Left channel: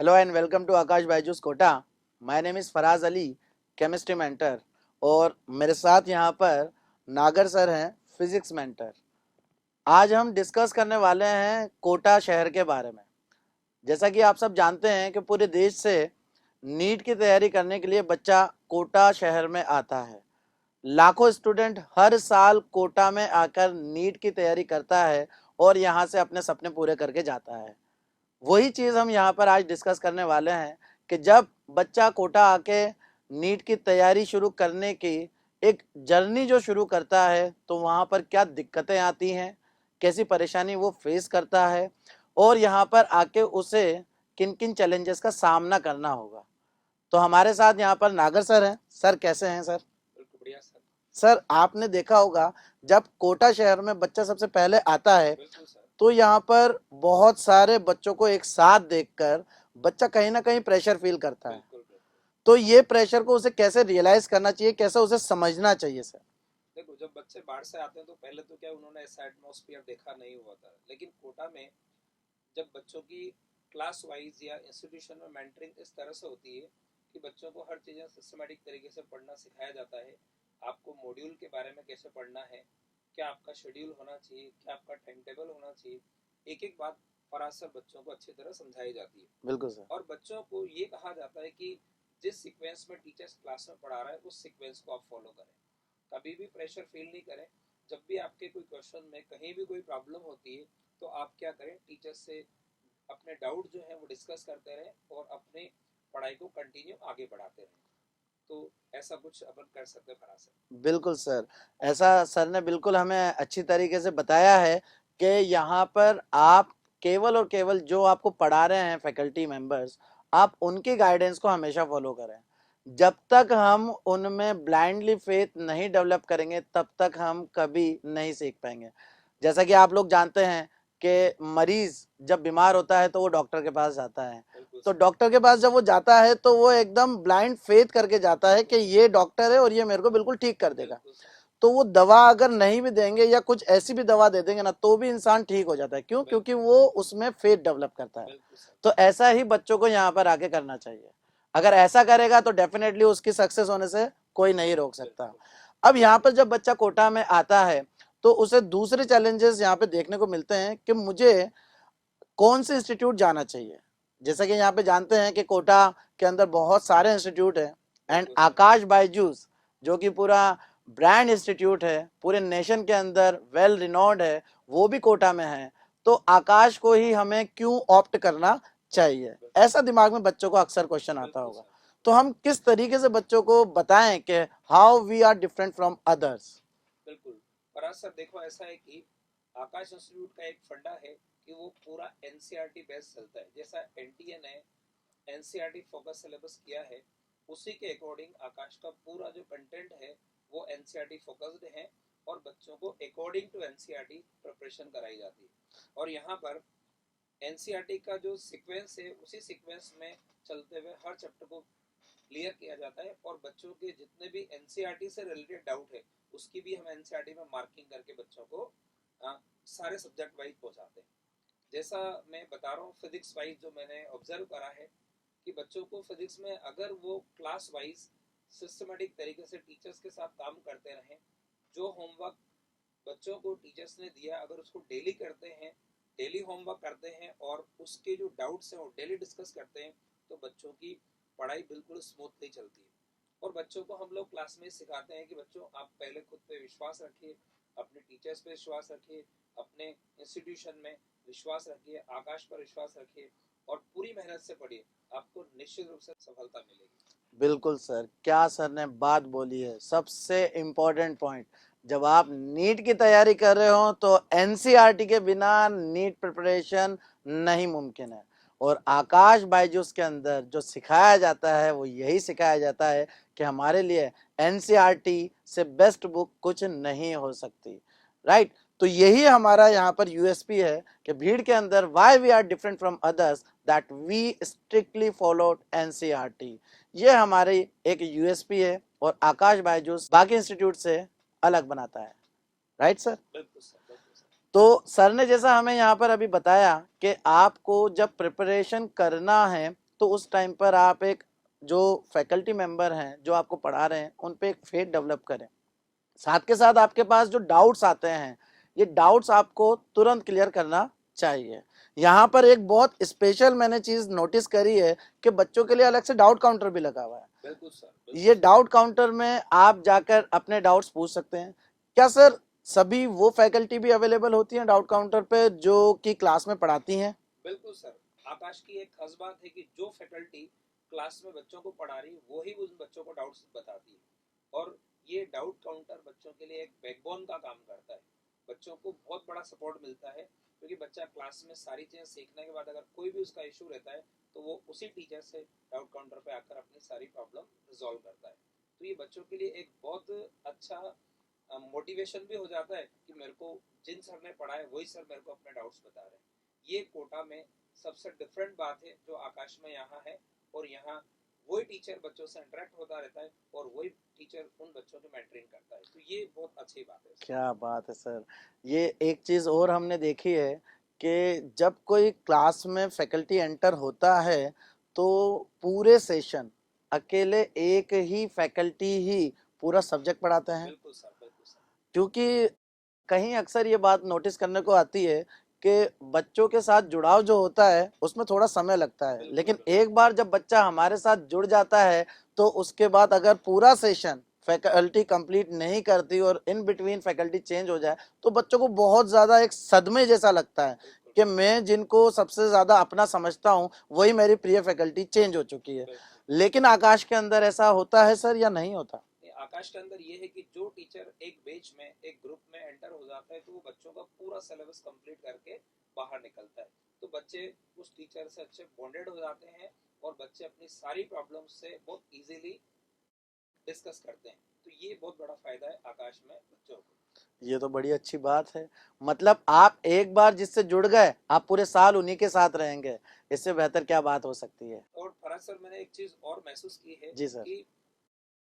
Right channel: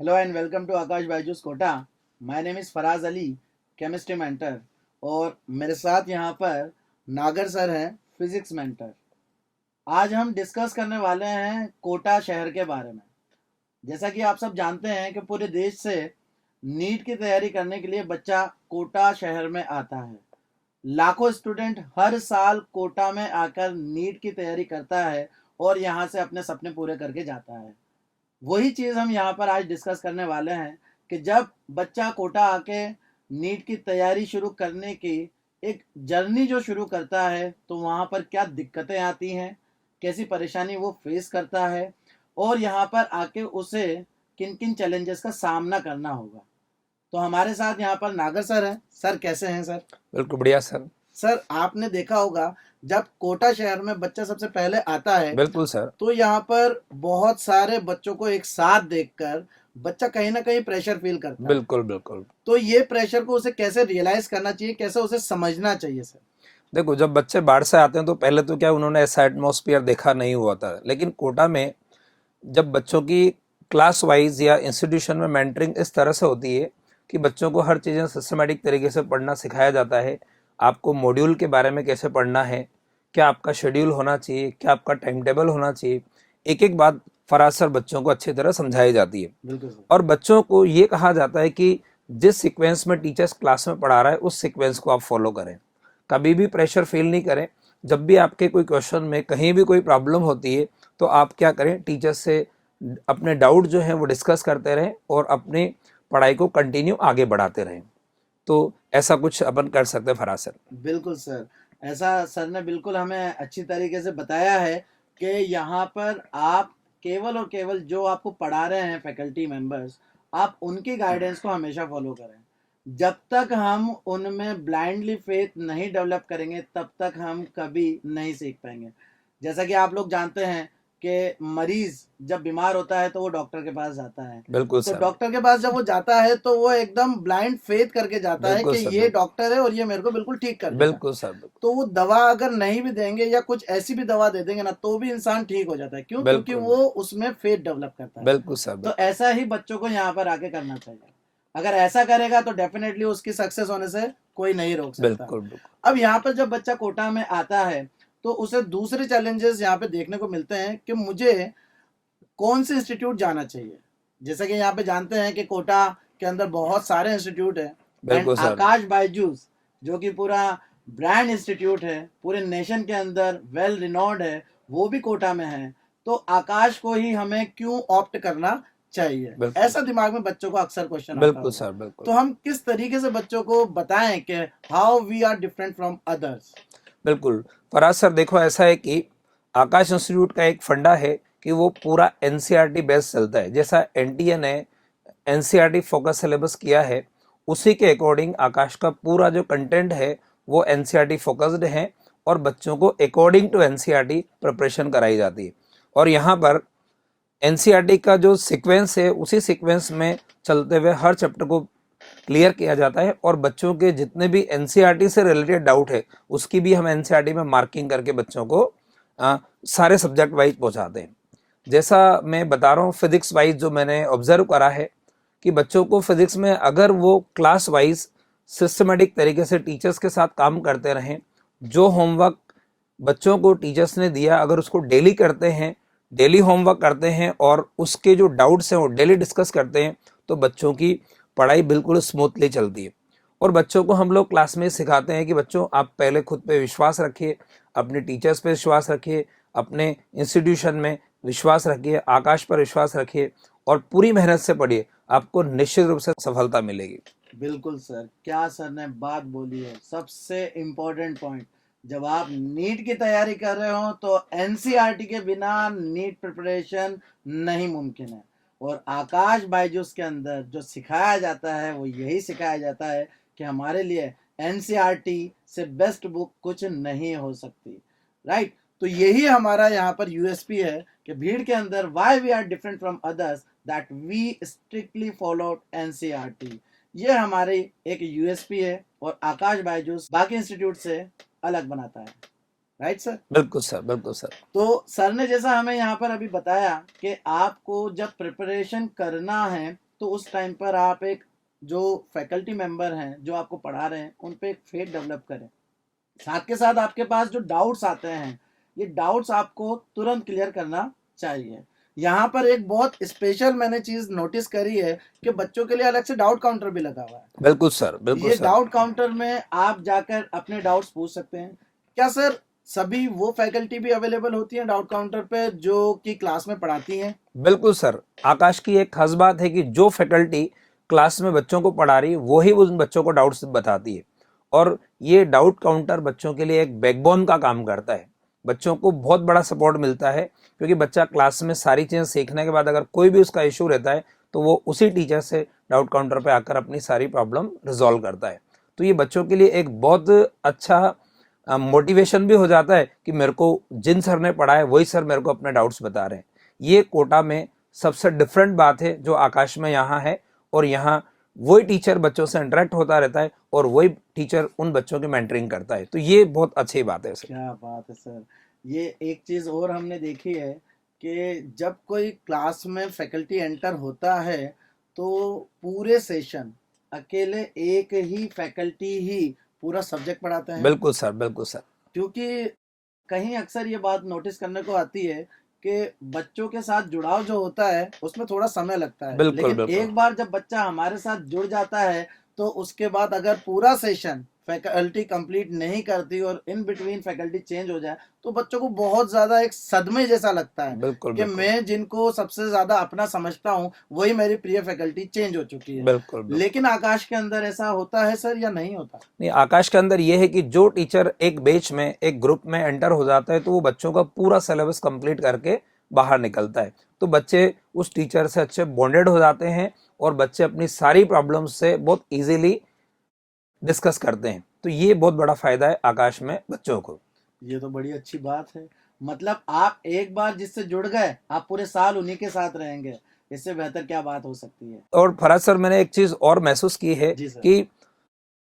Hello and welcome to Akash Baijus Kota. My name is Faraz Ali, chemistry mentor, और मेरे साथ यहाँ पर नागर सर हैं, फिजिक्स मेंटर। आज हम डिस्कस करने वाले हैं कोटा शहर के बारे में। जैसा कि आप सब जानते हैं कि पूरे देश से नीट की तैयारी करने के लिए बच्चा कोटा शहर में आता है। लाखों स्टूडेंट हर साल कोटा में आकर नीट की तैयारी करता है और यहाँ से अपने सपने पूरे करके जाता है। वही चीज़ हम यहाँ पर आज डिस्कस करने वाले हैं कि जब बच्चा कोटा आके नीट की तैयारी शुरू करने की एक जर्नी जो शुरू करता है, तो वहाँ पर क्या दिक्कतें आती हैं, कैसी परेशानी वो फेस करता है और यहाँ पर आके उसे किन किन चैलेंजेस का सामना करना होगा। तो हमारे साथ यहाँ पर नागर सर हैं। सर कैसे हैं सर? बिल्कुल बढ़िया सर। सर आपने देखा होगा जब कोटा शहर में बच्चा सबसे पहले आता है, बिल्कुल सर। तो यहाँ पर बहुत सारे बच्चों को एक साथ देखकर बच्चा कहीं ना कहीं प्रेशर फील करता है। बिल्कुल बिल्कुल। तो ये प्रेशर को उसे कैसे रियलाइज करना चाहिए, कैसे उसे समझना चाहिए सर? देखो, जब बच्चे बाहर से आते हैं तो पहले तो क्या उन्होंने ऐसा एटमॉस्फेयर देखा नहीं हुआ था, लेकिन कोटा में जब बच्चों की क्लास वाइज या इंस्टीट्यूशन में मेंटरिंग इस तरह से होती है कि बच्चों को हर चीज़ें सिस्टमेटिक तरीके से पढ़ना सिखाया जाता है। आपको मॉड्यूल के बारे में कैसे पढ़ना है, क्या आपका शेड्यूल होना चाहिए, क्या आपका टाइम टेबल होना चाहिए, एक एक बात फराज सर बच्चों को अच्छी तरह समझाई जाती है। बिल्कुल सर। और बच्चों को ये कहा जाता है कि जिस सीक्वेंस में टीचर्स क्लास में पढ़ा रहा है उस सीक्वेंस को आप फॉलो करें, कभी भी प्रेशर फील नहीं करें। जब भी आपके कोई क्वेश्चन में कहीं भी कोई प्रॉब्लम होती है तो आप क्या करें, टीचर्स से अपने डाउट जो है वो डिस्कस करते रहें और अपनी पढ़ाई को कंटिन्यू आगे बढ़ाते रहें। तो ऐसा कुछ अपन कर सकते हैं फराज सर। बिल्कुल सर, ऐसा सर ने बिल्कुल हमें अच्छी तरीके से बताया है कि यहाँ पर आप केवल और केवल जो आपको पढ़ा रहे हैं फैकल्टी मेंबर्स, आप उनकी गाइडेंस को हमेशा फॉलो करें। जब तक हम उनमें ब्लाइंडली फेथ नहीं डेवलप करेंगे तब तक हम कभी नहीं सीख पाएंगे। जैसा कि आप लोग जानते हैं कि मरीज जब बीमार होता है तो वो डॉक्टर के पास जाता है। बिल्कुल तो सर। डॉक्टर के पास जब वो जाता है तो वो एकदम ब्लाइंड फेथ करके जाता है बिल्कुल कि सर। ये डॉक्टर है और ये मेरे को बिल्कुल ठीक कर देगा। बिल्कुल सर। बिल्कुल तो वो दवा अगर नहीं भी देंगे या कुछ ऐसी भी दवा दे देंगे ना, तो भी इंसान ठीक हो जाता है। क्यों? क्योंकि बिल्कुल। वो उसमें फेथ डेवलप करता है। बिल्कुल सर। तो ऐसा ही बच्चों को यहाँ पर आके करना चाहिए। अगर ऐसा करेगा तो डेफिनेटली उसकी सक्सेस होने से कोई नहीं रोक सकता। बिल्कुल बिल्कुल। अब यहाँ पर जब बच्चा कोटा में आता है तो उसे दूसरे चैलेंजेस यहाँ पे देखने को मिलते हैं कि मुझे कौन से इंस्टीट्यूट जाना चाहिए। जैसे कि यहाँ पे जानते हैं कि कोटा के अंदर बहुत सारे इंस्टीट्यूट है एंड बिल्कुल सर। आकाश बायजूस जो कि पूरा ब्रांड इंस्टीट्यूट है, पूरे नेशन के अंदर वेल रिनोन्ड है, वो भी कोटा में है। तो आकाश को ही हमें क्यों ऑप्ट करना चाहिए, बिल्कुल। ऐसा दिमाग में बच्चों को अक्सर क्वेश्चन आता बिल्कुल होगा। सर। बिल्कुल। तो हम किस तरीके से बच्चों को बताएं कि how we are different from others? बिल्कुल फराज सर, देखो ऐसा है कि आकाश इंस्टीट्यूट का एक फंडा है कि वो पूरा एनसीईआरटी बेस्ड चलता है। जैसा एनटीए ने एनसीईआरटी फोकस सिलेबस किया है, उसी के अकॉर्डिंग आकाश का पूरा जो कंटेंट है वो एनसीईआरटी फोकस्ड है और बच्चों को अकॉर्डिंग टू एनसीईआरटी प्रिपरेशन कराई जाती है। और यहाँ पर एनसीईआरटी का जो सीक्वेंस है उसी सीक्वेंस में चलते हुए हर चैप्टर को क्लियर किया जाता है और बच्चों के जितने भी एनसीईआरटी से रिलेटेड डाउट है उसकी भी हम एनसीईआरटी में मार्किंग करके बच्चों को सारे सब्जेक्ट वाइज पहुंचाते हैं। जैसा मैं बता रहा हूँ, फिजिक्स वाइज जो मैंने ऑब्जर्व करा है कि बच्चों को फिजिक्स में अगर वो क्लास वाइज सिस्टमेटिक तरीके से टीचर्स के साथ काम करते रहें, जो होमवर्क बच्चों को टीचर्स ने दिया अगर उसको डेली करते हैं, डेली होमवर्क करते हैं और उसके जो डाउट्स हैं वो डेली डिस्कस करते हैं, तो बच्चों की पढ़ाई बिल्कुल स्मूथली चलती है। और बच्चों को हम लोग क्लास में सिखाते हैं कि बच्चों आप पहले खुद पे विश्वास रखिए, अपने टीचर्स पे विश्वास रखिए, अपने इंस्टीट्यूशन में विश्वास रखिए, आकाश पर विश्वास रखिए और पूरी मेहनत से पढ़िए, आपको निश्चित रूप से सफलता मिलेगी। बिल्कुल सर, क्या सर ने बात बोली है, सबसे इम्पोर्टेंट पॉइंट। जब आप नीट की तैयारी कर रहे हो तो एनसीईआरटी के बिना नीट प्रिपरेशन नहीं मुमकिन है। और आकाश बायजूस के अंदर जो सिखाया जाता है वो यही सिखाया जाता है कि हमारे लिए एनसीईआरटी से बेस्ट बुक कुछ नहीं हो सकती। राइट? तो यही हमारा यहाँ पर यूएसपी है कि भीड़ के अंदर why we are different from others, that we strictly follow NCERT. ये हमारी एक यूएसपी है और आकाश बायजूस बाकी इंस्टीट्यूट से अलग बनाता है। Right sir? बिल्कुल सर। बिल्कुल सर। तो सर ने जैसा हमें यहाँ पर अभी बताया कि आपको जब प्रिपरेशन करना है तो उस टाइम पर आप एक जो फैकल्टी मेंबर हैं जो आपको पढ़ा रहे हैं उन पे एक फेथ डेवलप करें। साथ के साथ आपके पास जो डाउट्स आते हैं, ये डाउट्स आपको तुरंत क्लियर करना चाहिए। यहाँ पर एक बहुत स्पेशल मैंने चीज नोटिस करी है कि बच्चों के लिए अलग से डाउट काउंटर भी लगा हुआ है। बिल्कुल सर, बिल्कुल ये सर। डाउट काउंटर में आप जाकर अपने डाउट्स पूछ सकते हैं। क्या सर सभी वो फैकल्टी भी अवेलेबल होती हैं डाउट काउंटर पे जो कि क्लास में पढ़ाती हैं? बिल्कुल सर, आकाश की एक खास बात है कि जो फैकल्टी क्लास में बच्चों को पढ़ा रही है वही उन बच्चों को डाउट्स बताती है, और ये डाउट काउंटर बच्चों के लिए एक बैकबोन का काम करता है। बच्चों को बहुत बड़ा सपोर्ट मिलता है, क्योंकि बच्चा क्लास में सारी चीज़ें सीखने के बाद अगर कोई भी उसका इशू रहता है तो वो उसी टीचर से डाउट काउंटर पे आकर अपनी सारी प्रॉब्लम रिजॉल्व करता है। तो ये बच्चों के लिए एक बहुत अच्छा मोटिवेशन भी हो जाता है कि मेरे को जिन सर ने पढ़ा है वही सर मेरे को अपने डाउट्स बता रहे हैं। ये कोटा में सबसे डिफरेंट बात है जो आकाश में यहाँ है, और यहाँ वही टीचर बच्चों से इंटरेक्ट होता रहता है और वही टीचर उन बच्चों की मेंटरिंग करता है। तो ये बहुत अच्छी बात है सर। क्या बात है सर। ये एक चीज और हमने देखी है कि जब कोई क्लास में फैकल्टी एंटर होता है तो पूरे सेशन अकेले एक ही फैकल्टी ही पूरा सब्जेक्ट पढ़ाते हैं। बिल्कुल सर, बिल्कुल सर। क्योंकि कहीं अक्सर ये बात नोटिस करने को आती है कि बच्चों के साथ जुड़ाव जो होता है उसमें थोड़ा समय लगता है, बिल्कुल लेकिन बिल्कुल एक बार जब बच्चा हमारे साथ जुड़ जाता है तो उसके बाद अगर पूरा सेशन फैकल्टी कंप्लीट नहीं करती और इन बिटवीन फैकल्टी चेंज हो जाए तो बच्चों को बहुत ज्यादा एक सदमे जैसा लगता है बिल्कुल कि बिल्कुल मैं जिनको सबसे ज्यादा अपना समझता हूँ वही मेरी प्रिय फैकल्टी चेंज हो चुकी है। बिल्कुल बिल्कुल। लेकिन आकाश के अंदर ऐसा होता है सर या नहीं होता? नहीं, आकाश के अंदर ये है कि जो टीचर एक बैच में एक ग्रुप में एंटर हो जाता है तो वो बच्चों का पूरा सिलेबस कंप्लीट करके बाहर निकलता है। तो बच्चे उस टीचर से अच्छे बॉन्डेड हो जाते हैं और बच्चे अपनी सारी प्रॉब्लम्स से बहुत इजीली डिस्कस करते हैं। तो ये बहुत बड़ा फायदा है आकाश में बच्चों को। ये तो बड़ी अच्छी बात है। मतलब आप एक बार जिससे जुड़ गए आप पूरे साल उन्हीं के साथ रहेंगे। इससे बेहतर क्या बात हो सकती है? और फराज सर, मैंने एक चीज और महसूस की है जी सर। कि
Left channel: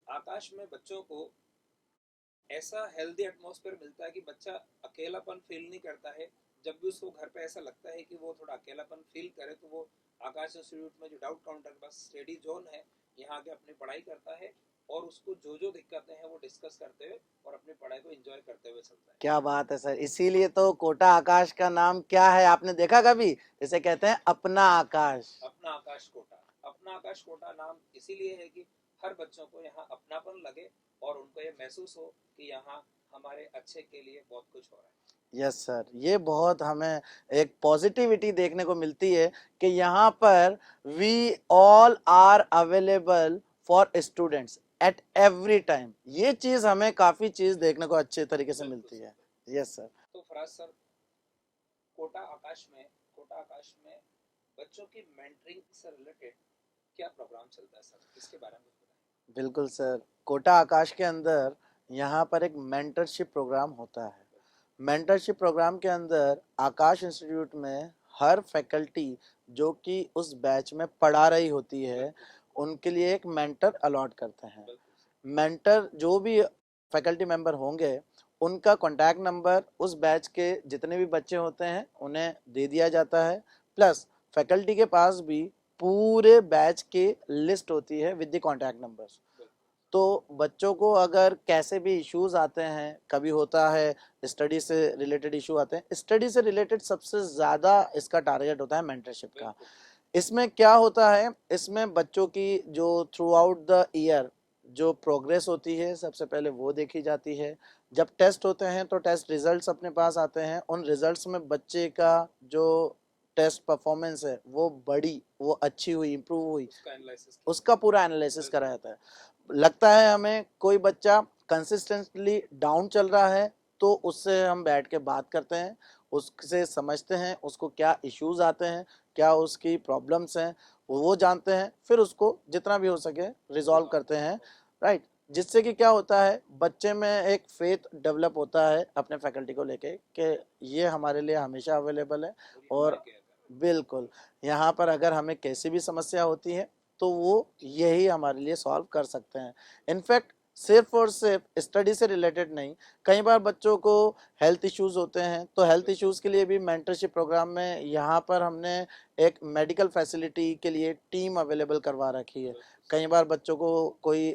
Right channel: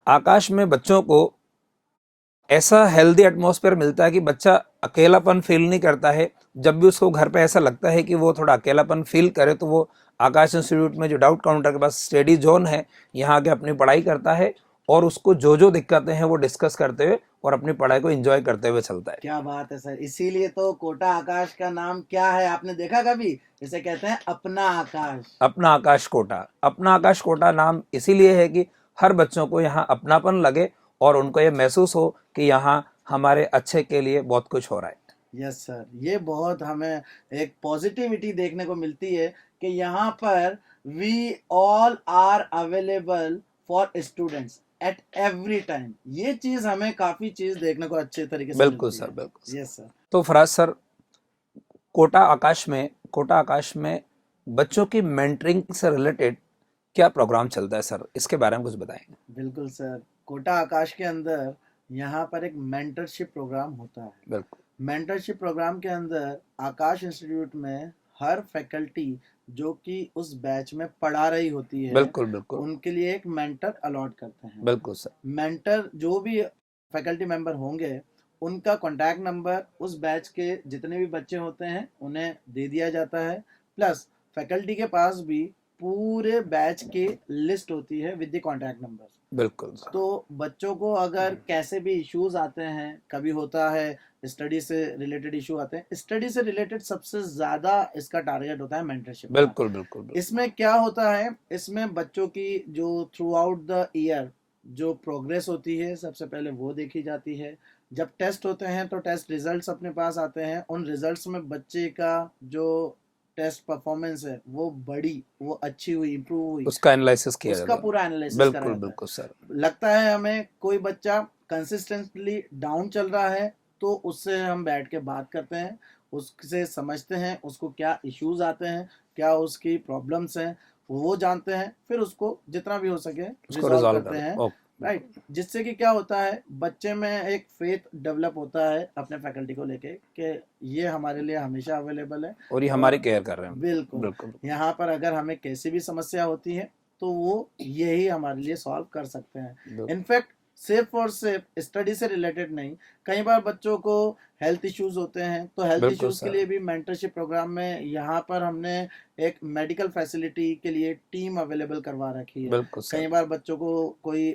आकाश में बच्चों को ऐसा हेल्दी एटमॉस्फेयर मिलता है कि बच्चा अकेलापन फील नहीं करता है। जब भी उसको घर पे ऐसा लगता है कि वो थोड़ा अकेलापन फील करे तो वो आकाश इंस्टीट्यूट में जो डाउट काउंटर के पास स्टडी जोन है यहाँ आके अपनी पढ़ाई करता है, और उसको जो जो दिक्कतें हैं वो डिस्कस करते हुए और अपनी पढ़ाई को एंजॉय करते हुए चलता है। क्या बात है सर। इसीलिए तो कोटा आकाश का नाम क्या है आपने देखा कभी? इसे कहते हैं अपना आकाश। अपना आकाश कोटा। अपना आकाश कोटा नाम इसीलिए है कि हर बच्चों को यहाँ अपनापन लगे और उनको ये महसूस हो कि यहाँ हमारे अच्छे के लिए बहुत कुछ हो रहा है। Yes sir. ये बहुत हमें एक पॉजिटिविटी देखने को मिलती है कि यहाँ पर we all are available for students at every time. ये चीज हमें काफी चीज देखने को अच्छे तरीके से बिल्कुल मिलती सर, है। बिल्कुल सर। Yes sir. तो फराज सर, कोटा आकाश में बच्चों की मेंटरिंग से रिलेटेड क्या प्रोग्राम चलता है सर? इसके बारे में कुछ बताएंगे? बिल्कुल सर। कोटा आकाश के अंदर यहाँ पर एक मेंटरशिप प्रोग्राम होता है। बिल्कुल मेंटरशिप प्रोग्राम के अंदर आकाश इंस्टीट्यूट में हर फैकल्टी जो कि उस बैच में पढ़ा रही होती है बिल्कुल बिल्कुल उनके लिए एक मेंटर अलॉट करते हैं। बिल्कुल सर। मेंटर जो भी फैकल्टी मेंबर होंगे उनका कॉन्टैक्ट नंबर उस बैच के जितने भी बच्चे होते हैं उन्हें दे दिया जाता है। प्लस फैकल्टी के पास भी पूरे बैच की लिस्ट होती है विद द कॉन्टैक्ट नंबर्स। बिल्कुल सर। तो बच्चों को अगर कैसे भी इश्यूज आते हैं, कभी होता है स्टडी से रिलेटेड इशू आते हैं, स्टडी से रिलेटेड सबसे ज्यादा इसका टारगेट होता है मेंटरशिप का। बिल्कुल बिल्कुल बिल्कुल इसमें क्या होता है, इसमें बच्चों की जो थ्रू आउट द ईयर जो प्रोग्रेस होती है सबसे पहले वो देखी जाती है। जब टेस्ट होते हैं तो टेस्ट रिजल्ट्स अपने पास आते हैं। उन रिजल्ट्स में बच्चे का जो टेस्ट परफॉर्मेंस है वो अच्छी हुई, इंप्रूव हुई, उसका एनालिसिस किया उसका जाता है। पूरा एनालिसिस करा बिल्कुल जाता है। बिल्कुल सर। लगता है हमें कोई बच्चा कंसिस्टेंटली डाउन चल रहा है तो उससे हम बैठ के बात करते हैं, उससे समझते हैं उसको क्या इश्यूज आते हैं, क्या उसकी प्रॉब्लम्स हैं, वो जानते हैं, फिर उसको जितना भी हो सके उसको रिजॉल्व रिजॉल्व करते कर। हैं। ओके। राइट। जिससे कि क्या होता है बच्चे में एक फेथ डेवलप होता है अपने फैकल्टी को लेके कि ये हमारे लिए हमेशा अवेलेबल है और ये हमारी और केयर कर रहे हैं। बिल्कुल बिल्कुल यहाँ पर अगर हमें कैसी भी समस्या होती है तो वो यही हमारे लिए सॉल्व कर सकते हैं। बिल्कुल इनफैक्ट सिर्फ और सिर्फ स्टडी से रिलेटेड नहीं, कई बार बच्चों को हेल्थ इश्यूज होते हैं, तो हेल्थ बिल्कुल इश्यूज के सर। लिए भी मेंटरशिप प्रोग्राम में यहाँ पर हमने एक मेडिकल फैसिलिटी के लिए टीम अवेलेबल करवा रखी है। बिल्कुल कई सर। बार बच्चों को कोई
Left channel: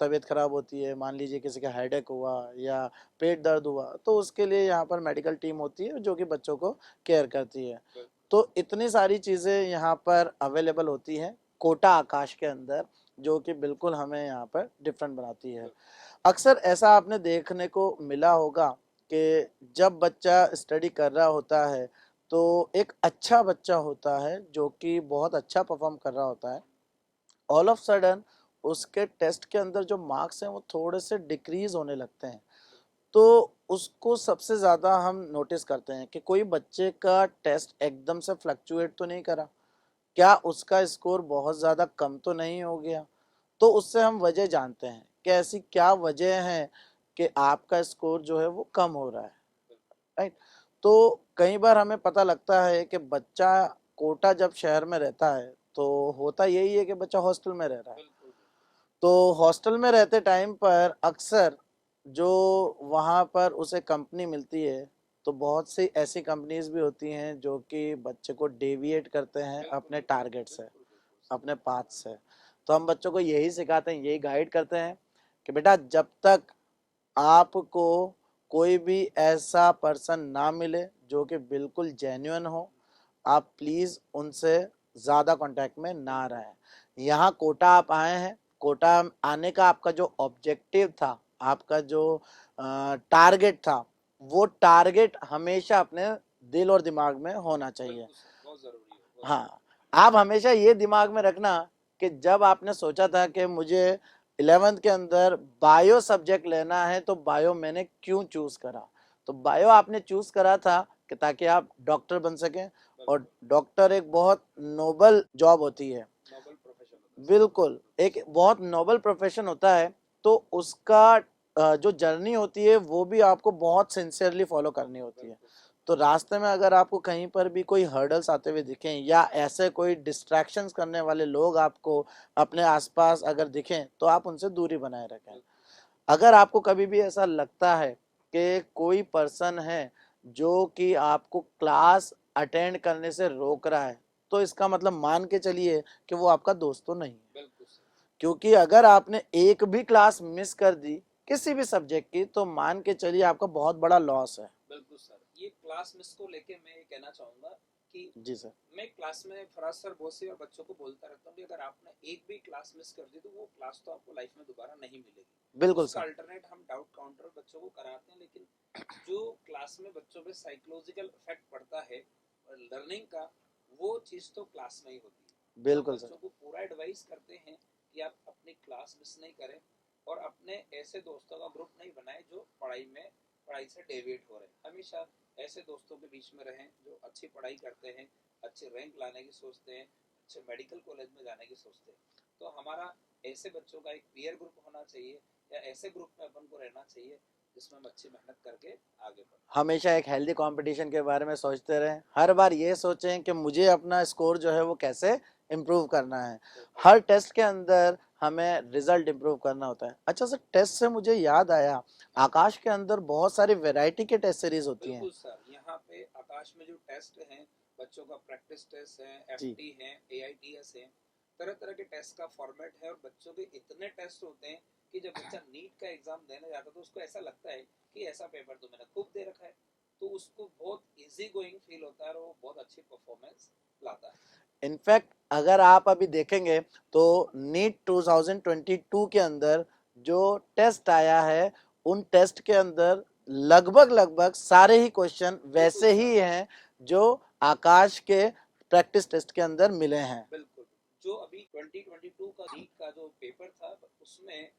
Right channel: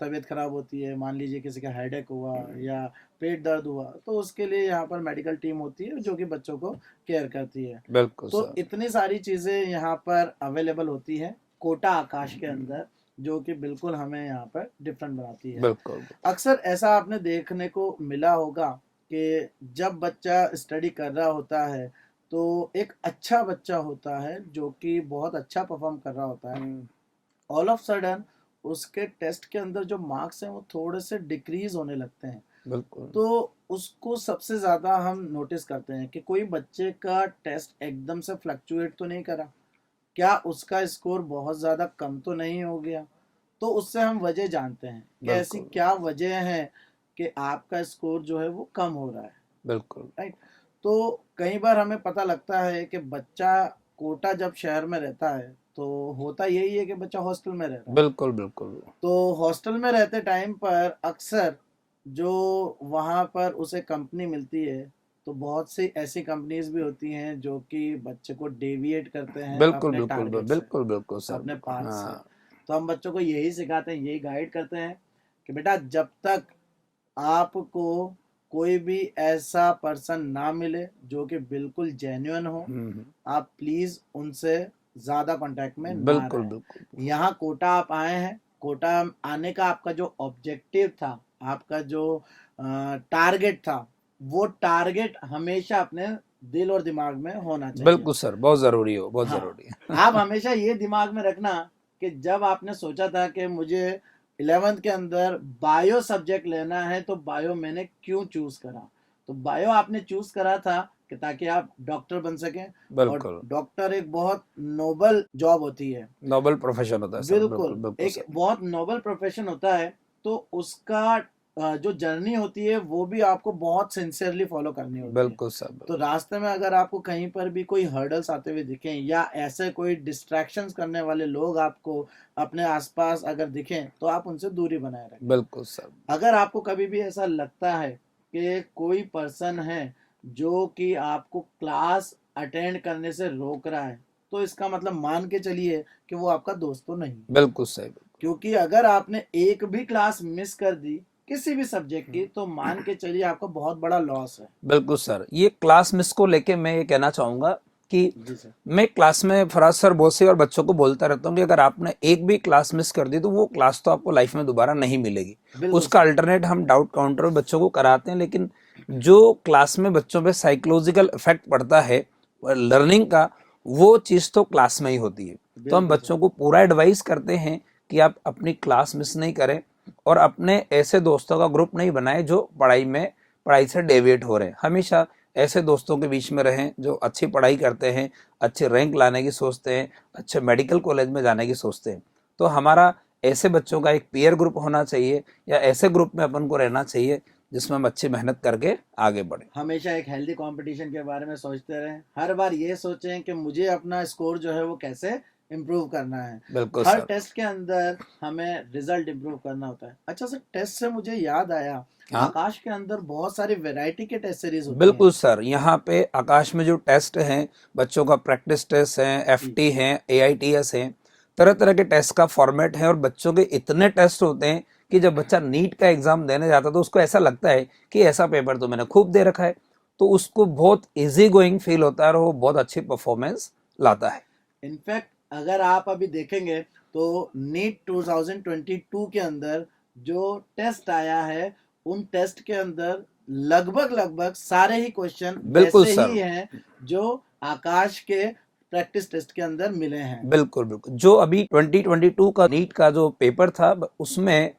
तबीयत खराब होती है, मान लीजिए किसी का हेडेक हुआ या पेट दर्द हुआ, तो उसके लिए यहाँ पर मेडिकल टीम होती है जो कि बच्चों को केयर करती है। बिल्कुल तो सर। इतनी सारी चीज़ें यहाँ पर अवेलेबल होती हैं कोटा आकाश के अंदर, जो कि बिल्कुल हमें यहाँ पर डिफरेंट बनाती है। बिल्कुल। अक्सर ऐसा आपने देखने को मिला होगा कि जब बच्चा स्टडी कर रहा होता है, तो एक अच्छा बच्चा होता है जो कि बहुत अच्छा परफॉर्म कर रहा होता है, ऑल ऑफ सडन उसके टेस्ट के अंदर जो मार्क्स हैं वो थोड़े से डिक्रीज होने लगते हैं। बिल्कुल। तो उसको सबसे ज़्यादा हम नोटिस करते हैं कि कोई बच्चे का टेस्ट एकदम से फ्लक्चुएट तो नहीं करा, क्या उसका स्कोर बहुत ज़्यादा कम तो नहीं हो गया। तो उससे हम वजह जानते हैं कि ऐसी बिल्कुल। क्या वजह है कि आपका स्कोर जो है वो कम हो रहा है, बिल्कुल। राइट। तो कई बार हमें पता लगता है कि बच्चा कोटा जब शहर में रहता है तो होता यही है कि बच्चा हॉस्टल में रह रहा है। बिल्कुल। बिल्कुल। तो हॉस्टल में रहते टाइम पर अक्सर जो वहाँ पर उसे कंपनी मिलती है, तो बहुत सी ऐसी कंपनीज भी होती हैं जो कि बच्चे को डेविएट करते हैं बिल्कुल। अपने बिल्कुल। टारगेट से, बिल्कुल। बिल्कुल सर। अपने पाथ से। हाँ। तो हम बच्चों को यही सिखाते हैं, यही गाइड करते हैं कि बेटा जब तक आपको कोई भी ऐसा पर्सन ना मिले जो कि बिल्कुल जेन्युइन हो, आप प्लीज उनसे ज्यादा कांटेक्ट में ना बिल्कुल। रहें। बिल्कुल। यहाँ कोटा आप आए हैं, कोटा आने का आपका जो ऑब्जेक्टिव था, आपका जो टारगेट था, वो टारगेट हमेशा अपने दिल और दिमाग में होना चाहिए। बिल्कुल सर, बहुत जरूरी हो, बहुत हाँ, जरूरी है। आप हमेशा ये दिमाग में रखना कि जब आपने सोचा था कि मुझे 11th के अंदर बायो सब्जेक्ट लेना है, तो बायो मैंने क्यों चूज करा। तो बायो आपने चूज करा था कि ताकि आप डॉक्टर बन सकें, और बिल्कुल। डॉक्टर एक बहुत नोबल जॉब होती है। नोबल प्रोफेशन होता है सर। बिल्कुल, बिल्कुल। बिल्कुल एक सर। बहुत नोबल प्रोफेशन होता है। तो उसका जो जर्नी होती है वो भी आपको बहुत सिंसियरली फॉलो करनी होती है। बिल्कुल सर। तो रास्ते में अगर आपको कहीं पर भी कोई हर्डल्स आते हुए दिखें या ऐसे कोई डिस्ट्रैक्शंस करने वाले लोग आपको अपने आसपास अगर दिखें, तो आप उनसे दूरी बनाए रखें। बिल्कुल सर। अगर आपको कभी भी ऐसा लगता है कि कोई पर्सन है जो कि आपको क्लास अटेंड करने से रोक रहा है, तो इसका मतलब मान के चलिए कि वो आपका दोस्त तो नहीं। बिल्कुल सही। क्योंकि अगर आपने एक भी क्लास मिस कर दी किसी भी सब्जेक्ट की, तो मान के चलिए आपका बहुत बड़ा लॉस है। बिल्कुल सर, ये क्लास मिस को लेके मैं ये कहना चाहूंगा कि जी सर। मैं क्लास में फराज सर बहुत सी बार बच्चों को बोलता रहता हूँ कि अगर आपने एक भी क्लास मिस कर दी तो वो क्लास तो आपको लाइफ में दोबारा नहीं मिलेगी। बिल्कुल उसका सर। अल्टरनेट हम डाउट काउंटर में बच्चों को कराते हैं, लेकिन जो क्लास में बच्चों पे साइकोलॉजिकल इफेक्ट पड़ता है लर्निंग का, वो चीज़ तो क्लास में ही होती है। तो हम बिल्कुल सर। बच्चों को पूरा एडवाइस करते हैं कि आप अपनी क्लास मिस नहीं करें और अपने ऐसे दोस्तों का ग्रुप नहीं बनाए जो पढ़ाई से डेविएट हो रहे हैं। हमेशा ऐसे दोस्तों के बीच में रहें जो अच्छी पढ़ाई करते हैं, अच्छे रैंक लाने की सोचते हैं, अच्छे मेडिकल कॉलेज में जाने की सोचते हैं। तो हमारा ऐसे बच्चों का एक पीयर ग्रुप होना चाहिए या ऐसे ग्रुप में अपन को रहना चाहिए जिसमें हम अच्छी मेहनत करके आगे बढ़े। हमेशा एक हेल्दी कंपटीशन के बारे में सोचते रहें, हर बार ये सोचें कि मुझे अपना स्कोर जो है वो कैसे इम्प्रूव करना है। बिल्कुल हर सर। टेस्ट के अंदर हमें रिजल्ट इम्प्रूव करना होता है। अच्छा सर, टेस्ट से मुझे याद आया, हाँ आकाश के अंदर बहुत सारी वैरायटी के टेस्ट सीरीज होती हैं। बिल्कुल सर, यहाँ पे आकाश में जो टेस्ट हैं, बच्चों का प्रैक्टिस टेस्ट है, जी। एफटी है, एआईटीएस है, तरह तरह के टेस्ट का फॉर्मेट है और बच्चों के इतने टेस्ट होते हैं कि जब बच्चा नीट का एग्जाम देने जाता है तो उसको ऐसा लगता है कि ऐसा पेपर तो मैंने खूब दे रखा है। तो उसको बहुत इजी गोइंग फील होता है और वो बहुत अच्छी परफॉर्मेंस लाता है। इनफैक्ट अगर आप अभी देखेंगे तो नीट 2022 के अंदर जो टेस्ट आया है, उन टेस्ट के अंदर लगभग लगभग सारे ही क्वेश्चन बिल्कुल वैसे सर। ही हैं जो आकाश के प्रैक्टिस टेस्ट के अंदर मिले हैं। बिल्कुल बिल्कुल, जो अभी 2022 का नीट का जो पेपर था उसमें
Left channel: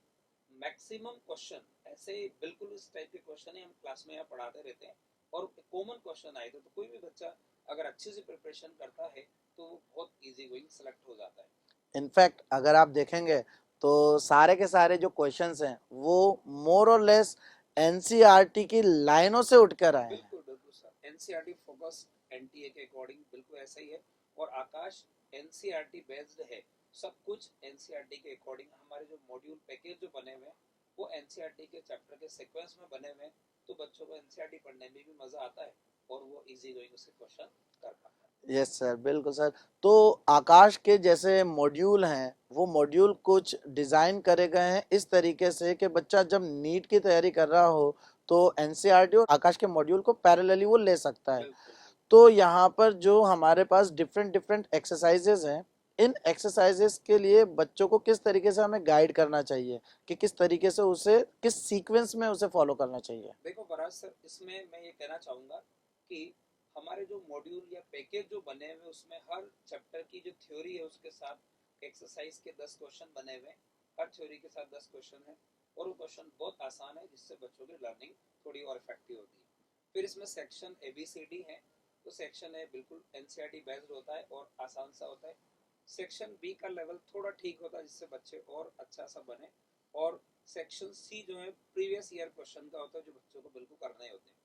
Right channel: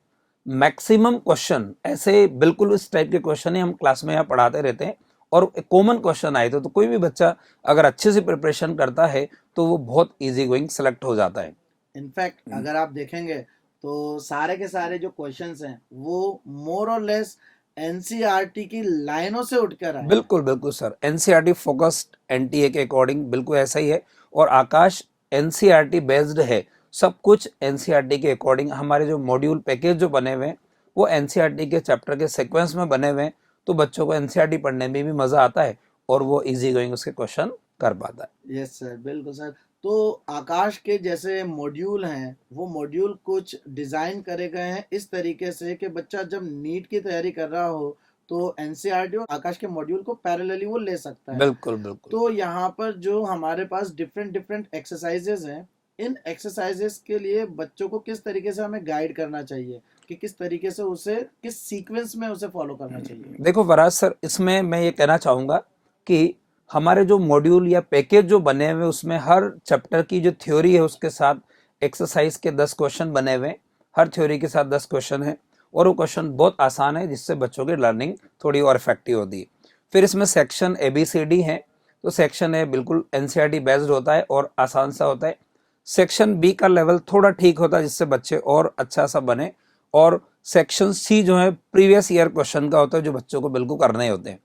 मैक्सिमम क्वेश्चन ऐसे बिल्कुल इस टाइप के क्वेश्चन ही हम क्लास में यहाँ पढ़ाते रहते हैं और कॉमन क्वेश्चन आए थे, तो कोई भी बच्चा अगर अच्छे से प्रिपरेशन करता है तो वो बहुत इजी गोइंग सेलेक्ट हो जाता है। इनफैक्ट अगर आप देखेंगे तो सारे के सारे जो क्वेश्चंस हैं वो मोर और लेस एनसीईआरटी की लाइनों से उठकर आए हैं। बिल्कुल बिल्कुल सर, एनसीईआरटी फोकस्ड एनटीए के अकॉर्डिंग बिल्कुल ऐसा ही है और आकाश एनसीईआरटी बेस्ड है। सब कुछ एनसीईआरटी के अकॉर्डिंग हमारे जो मॉड्यूल पैकेज जो बने हुए हैं वो एनसीईआरटी के चैप्टर के सीक्वेंस में बने हुए हैं, तो बच्चों को एनसीईआरटी पढ़ने में भी मजा आता है और वो इजी गोइंग उसके क्वेश्चन कर पाता है। यस सर, बिल्कुल सर। तो आकाश के जैसे मॉड्यूल हैं, वो मॉड्यूल कुछ डिजाइन करे गए हैं इस तरीके से कि बच्चा जब नीट की तैयारी कर रहा हो तो एनसीईआरटी और आकाश के मॉड्यूल को पैरेलली वो ले सकता है। बिल्कुल बिल्कुल। तो यहाँ पर जो हमारे पास डिफरेंट डिफरेंट एक्सरसाइजेज हैं, इन एक्सरसाइजेस के लिए बच्चों को किस तरीके से हमें गाइड करना चाहिए कि किस तरीके से उसे किस सीक्वेंस में उसे फॉलो करना चाहिए? देखो फराज सर, इसमें मैं ये कहना चाहूँगा कि हमारे जो मॉड्यूल या पैकेज जो बने हुए उसमें हर चैप्टर की जो थ्योरी है उसके साथ एक्सरसाइज के 10 क्वेश्चन बने हुए हैं। हर थ्योरी के साथ 10 क्वेश्चन है और वो क्वेश्चन बहुत आसान है, जिससे बच्चों की लर्निंग थोड़ी और इफेक्टिव होती है। फिर इसमें सेक्शन ABCD है, तो सेक्शन ए बिल्कुल एनसीईआरटी बेस्ड होता है और आसान सा होता है। सेक्शन बी का लेवल थोड़ा ठीक होता है, जिससे बच्चे और अच्छा सा बने। और सेक्शन सी जो है प्रीवियस ईयर क्वेश्चन का होता है, जो बच्चों को बिल्कुल करने होते हैं।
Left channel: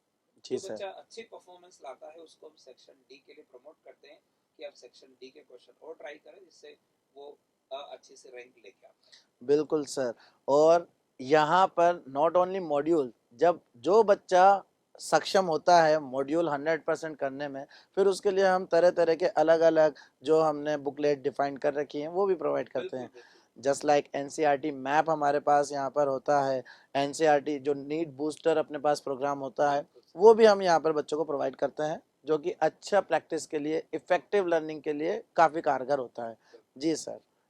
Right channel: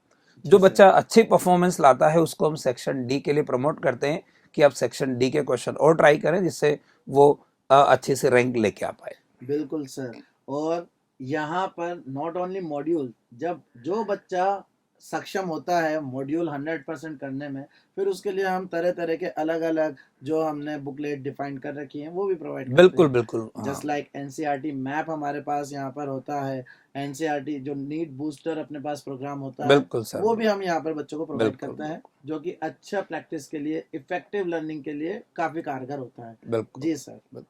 जो जी सर। बच्चा अच्छी परफॉर्मेंस लाता है उसको हम सेक्शन डी के लिए प्रमोट करते हैं कि आप सेक्शन डी के क्वेश्चन और ट्राई करें, जिससे वो अच्छी से रैंक लेके आ पाए। बिल्कुल सर। और यहाँ पर नॉट ओनली मॉड्यूल, जब जो बच्चा सक्षम होता है मॉड्यूल 100% करने में, फिर उसके लिए हम तरह तरह के अलग अलग जो हमने बुकलेट डिफाइन कर रखी है वो भी प्रोवाइड करते बिल्कुल हैं। बिल्कुल, हाँ। जस्ट लाइक एनसीईआरटी मैप हमारे पास यहाँ पर होता है, एनसीईआरटी जो नीट बूस्टर अपने पास प्रोग्राम होता है बिल्कुल सर, वो भी हम यहाँ पर बच्चों को प्रोवाइड बिल्कुल करते हैं, जो कि अच्छा प्रैक्टिस के लिए, इफेक्टिव लर्निंग के लिए काफी कारगर होता है। बिल्कुल। जी सर।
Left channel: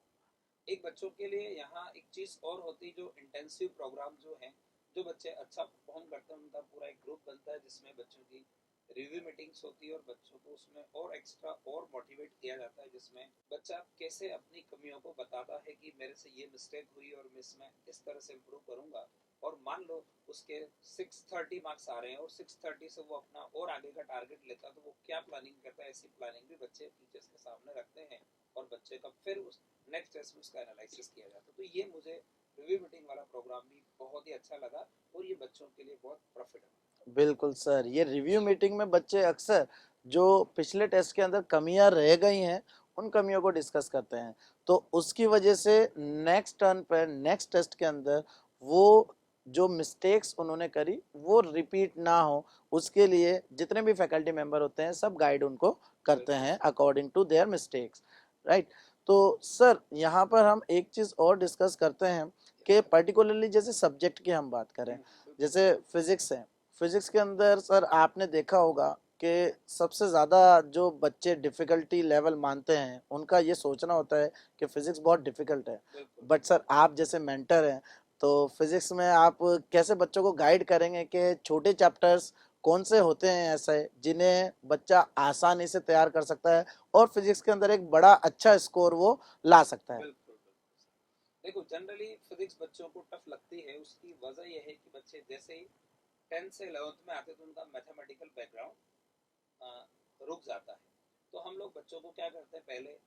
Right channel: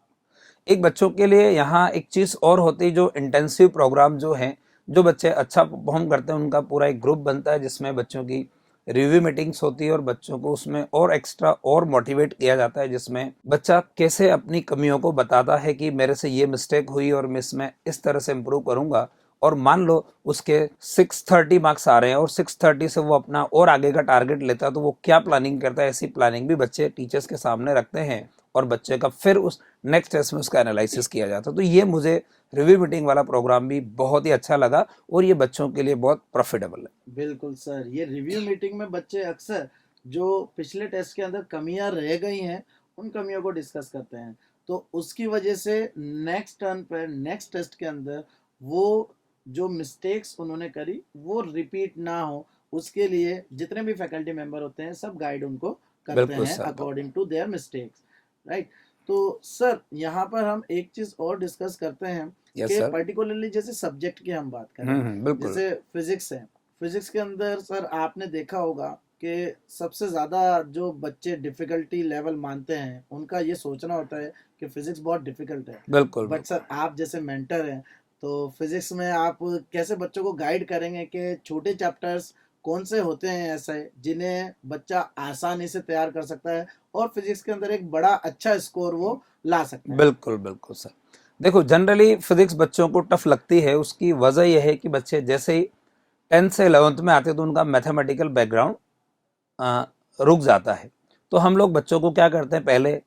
एक बच्चों के लिए यहाँ एक चीज और होती है, जो इंटेंसिव प्रोग्राम जो है, जो बच्चे अच्छा परफॉर्म करते हैं उनका पूरा एक ग्रुप बनता है, जिसमें बच्चों की रिव्यू मीटिंग्स होती है और बच्चों को उसमें और एक्स्ट्रा और मोटिवेट किया जाता है, जिसमें बच्चा कैसे अपनी कमियों को बताता है कि मेरे से ये मिस्टेक हुई और मैं इसमें इस तरह से इम्प्रूव करूंगा। और मान लो उसके 630 मार्क्स आ रहे हैं और 630 से वो अपना और आगे का टारगेट लेता है, तो वो क्या प्लानिंग करता है, ऐसी प्लानिंग भी बच्चे टीचर्स के सामने रखते हैं और बच्चे का फिर उस नेक्स्ट टेस्ट में उसका एनालिसिस किया जाता है। तो ये मुझे रिव्यू मीटिंग वाला प्रोग्राम भी बहुत ही अच्छा लगा और ये बच्चों के लिए बहुत प्रॉफिटेबल है। बिल्कुल सर। ये रिव्यू मीटिंग में बच्चे अक्सर जो पिछले टेस्ट के अंदर कमियां रह गई हैं उन कमियों को डिस्कस करते हैं, तो उसकी वजह से नेक्स्ट टर्न पर नेक्स्ट टेस्ट के अंदर वो जो मिस्टेक्स उन्होंने करी वो रिपीट ना हो, उसके लिए जितने भी फैकल्टी मेंबर होते हैं सब गाइड उनको करते बिल्कुल हैं sir, according to their mistakes, right. तो सर यहाँ पर हम एक चीज और डिस्कस करते हैं यस कि सर। पर्टिकुलरली जैसे सब्जेक्ट की हम बात करें, बिल्कुल। जैसे फिजिक्स है, फिजिक्स के अंदर सर आपने देखा होगा कि सबसे ज़्यादा जो बच्चे डिफ़िकल्टी लेवल मानते हैं उनका ये सोचना होता है कि फिजिक्स बहुत डिफ़िकल्ट है। बिल्कुल बट सर आप जैसे मेंटर हैं, तो फिजिक्स में आप कैसे बच्चों को गाइड करेंगे कि छोटे चैप्टर्स कौन से होते हैं ऐसे जिन्हें बच्चा आसानी से तैयार कर सकता है और फिजिक्स के अंदर एक बड़ा अच्छा स्कोर वो ला सकता है? बिल्कुल बिल्कुल सर। देखो जनरली फिजिक्स बच्चों को टफ लगती है, उसकी वजह यह है कि बच्चे जैसे ही 10th से 11th में आते हैं तो उनका मैथमेटिकल बैकग्राउंड रुक जाता है। तो हम लोग बच्चों को क्या करते हैं, पहले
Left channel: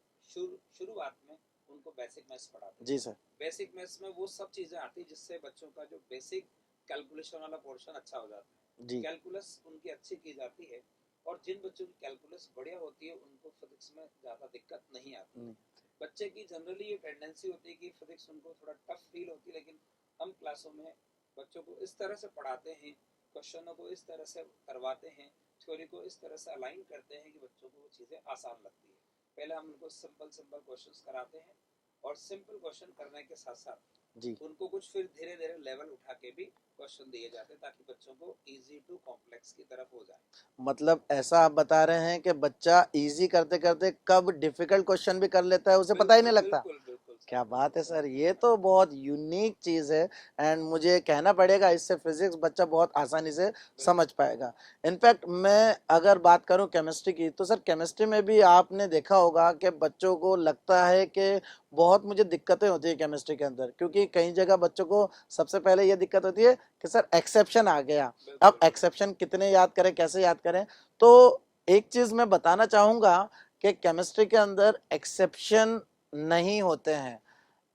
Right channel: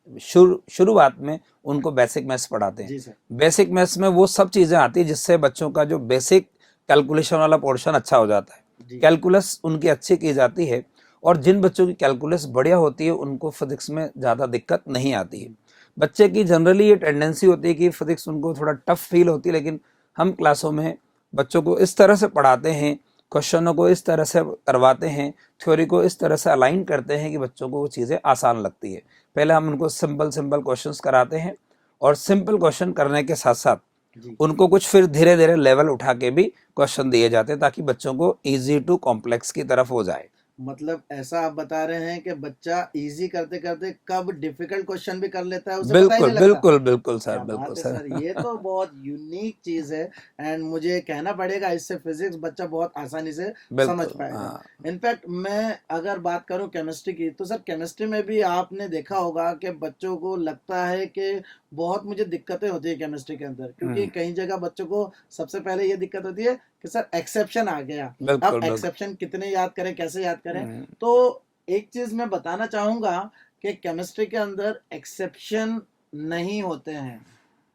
शुरुआत में उनको बेसिक मैथ्स पढ़ाते हैं। जी सर। बेसिक मैथ्स में वो सब चीज़ें आती है जिससे बच्चों का जो बेसिक कैलकुलेशन वाला पोर्शन अच्छा हो जाता है। जी कैलकुलस उनकी अच्छी की जाती है और जिन बच्चों की कैलकुलस बढ़िया होती है उनको फिजिक्स में ज़्यादा दिक्कत नहीं आती है। बच्चे की जनरली ये टेंडेंसी होती है कि फिजिक्स उनको थोड़ा टफ फील होती है, लेकिन हम क्लासों में बच्चों को इस तरह से पढ़ाते हैं, क्वेश्चनों को इस तरह से करवाते हैं, थ्योरी को इस तरह से अलाइन करते हैं कि बच्चों को वो चीज़ें आसान लगती है। पहले हम उनको सिंपल सिंपल क्वेश्चंस कराते हैं और सिंपल क्वेश्चन करने के साथ साथ जी उनको कुछ फिर धीरे धीरे लेवल उठा के भी क्वेश्चन दिए जाते हैं, ताकि बच्चों को इजी टू कॉम्प्लेक्स की तरफ हो जाए। मतलब ऐसा आप बता रहे हैं कि बच्चा इजी करते करते कब डिफिकल्ट क्वेश्चन भी कर लेता है उसे पता ही बिल्कुल नहीं लगता। बिल्कुल बिल्कुल सर, क्या बिल्कुल बात है सर। सर, ये तो बहुत यूनिक चीज है एंड मुझे कहना पड़ेगा इससे फिजिक्स बच्चा बहुत आसानी से समझ बिल्कुल, पाएगा। हाँ। इनफैक्ट मैं अगर बात करूं केमिस्ट्री की, तो सर केमिस्ट्री में भी आपने देखा होगा कि बच्चों को लगता है कि बहुत मुझे दिक्कतें होती है केमिस्ट्री के अंदर, क्योंकि कई जगह बच्चों को सबसे पहले ये दिक्कत होती है कि सर एक्सेप्शन आ गया, अब बिल्कुल बिल्कुल। एक्सेप्शन कितने याद करें, कैसे याद करें। हम्म, तो एक चीज मैं बताना चाहूंगा कि केमिस्ट्री के अंदर एक्सेप्शन नहीं होते हैं।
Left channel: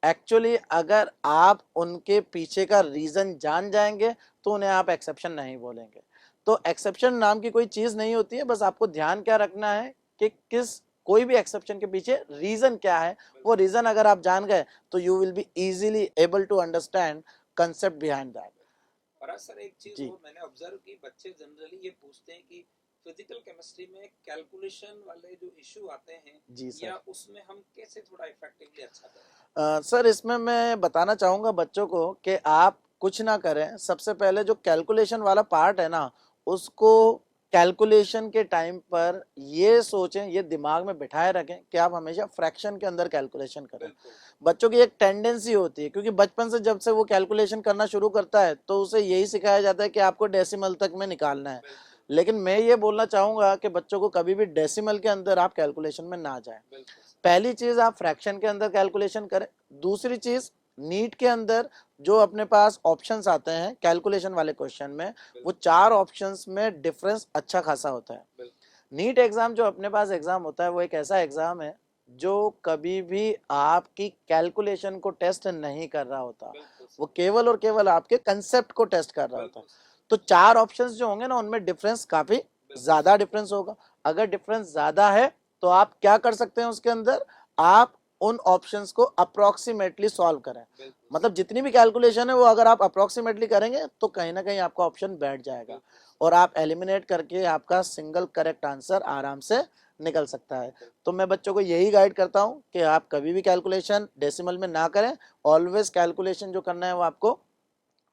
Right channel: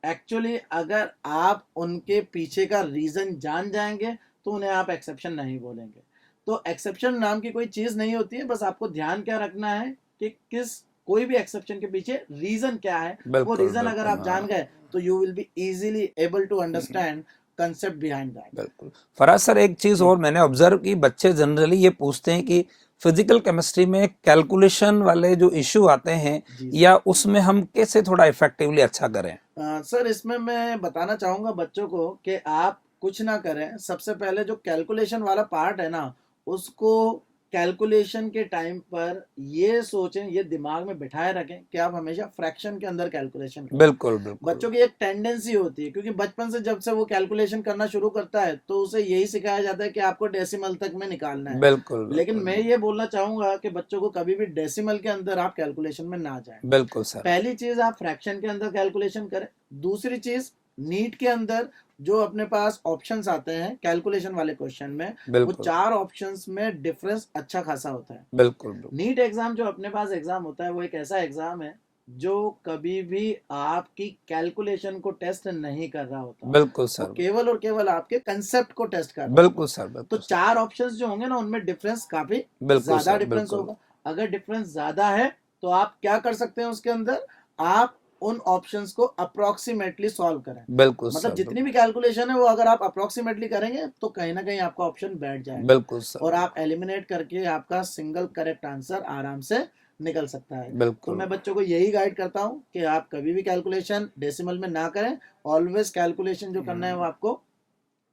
एक्चुअली अगर आप उनके पीछे का रीजन जान जाएंगे तो उन्हें आप एक्सेप्शन नहीं बोलेंगे। तो एक्सेप्शन नाम की कोई चीज नहीं होती है, बस आपको ध्यान क्या रखना है कि किस कोई भी एक्सेप्शन के पीछे रीजन क्या है। वो बिल्कुल रीजन अगर बिल्कुल, आप जान हाँ। गए तो you will be easily able to understand concept behind that. बिल्कुल। फराज सर, एक चीज जी और मैंने ऑब्जर्व की, बच्चे जनरली ये पूछते हैं कि फिजिकल केमिस्ट्री में कैलकुलेशन वाले जो इश्यू आते हैं जी या उसमें हम कैसे थोड़ा इफेक्टिवली अच्छा करें। सर, इसमें मैं बताना चाहूँगा बच्चों को कि आप कुछ ना करें, सबसे पहले जो कैलकुलेशन वाला पार्ट है ना, उसको कैलकुलेशन के टाइम पर ये सोचें, ये दिमाग में बिठाए रखें कि आप हमेशा फ्रैक्शन के अंदर कैलकुलेशन करें। बिल्कुल बिल्कुल बच्चों की एक टेंडेंसी होती है, क्योंकि बचपन से जब से वो कैलकुलेशन करना शुरू करता है तो उसे यही सिखाया जाता है कि आपको डेसिमल तक में निकालना है। बिल्कुल लेकिन बिल्कुल मैं ये बोलना चाहूंगा कि बच्चों को कभी भी डेसिमल के अंदर आप कैलकुलेशन में ना जाएं। बिल्कुल सर। पहली चीज, आप फ्रैक्शन के अंदर कैलकुलेशन करें। दूसरी चीज, नीट के अंदर जो अपने पास ऑप्शंस आते हैं कैलकुलेशन वाले क्वेश्चन में, वो बिल्कुल 4 ऑप्शंस में डिफरेंस अच्छा खासा होता है। बिल्कुल बिल्कुल नीट एग्जाम जो अपने पास एग्जाम होता है, वो एक ऐसा एग्जाम है जो कभी भी आपकी कैलकुलेशन को टेस्ट नहीं कर रहा होता। बिल्कुल वो सर। केवल और केवल आपके कंसेप्ट को टेस्ट कर रहा होता बिल्कुल है। सर। तो बिल्कुल सर। 4 ऑप्शंस जो होंगे ना, उनमें डिफरेंस काफी बिल्कुल ज्यादा सर। डिफरेंस बिल्कुल होगा। अगर डिफरेंस ज्यादा है तो आप क्या कर सकते हैं उसके अंदर, आप उन ऑप्शंस को अप्रोक्सीमेटली सॉल्व करें। बिल्कुल मतलब सर। जितनी भी कैलकुलेशन है वो अगर आप अप्रोक्सीमेटली करेंगे तो कहीं ना कहीं आपका ऑप्शन बैठ जाएगा बिल्कुल सर। और आप एलिमिनेट करके आपका सिंगल करेक्ट आंसर आराम से निकल सकता है। तो बिल्कुल मैं बच्चों को यही गाइड करता हूं कि आप कभी भी कैलकुलेशन डेसिमल में ना करें। ऑलवेज कैलकुलेशन जो करना है वो आपको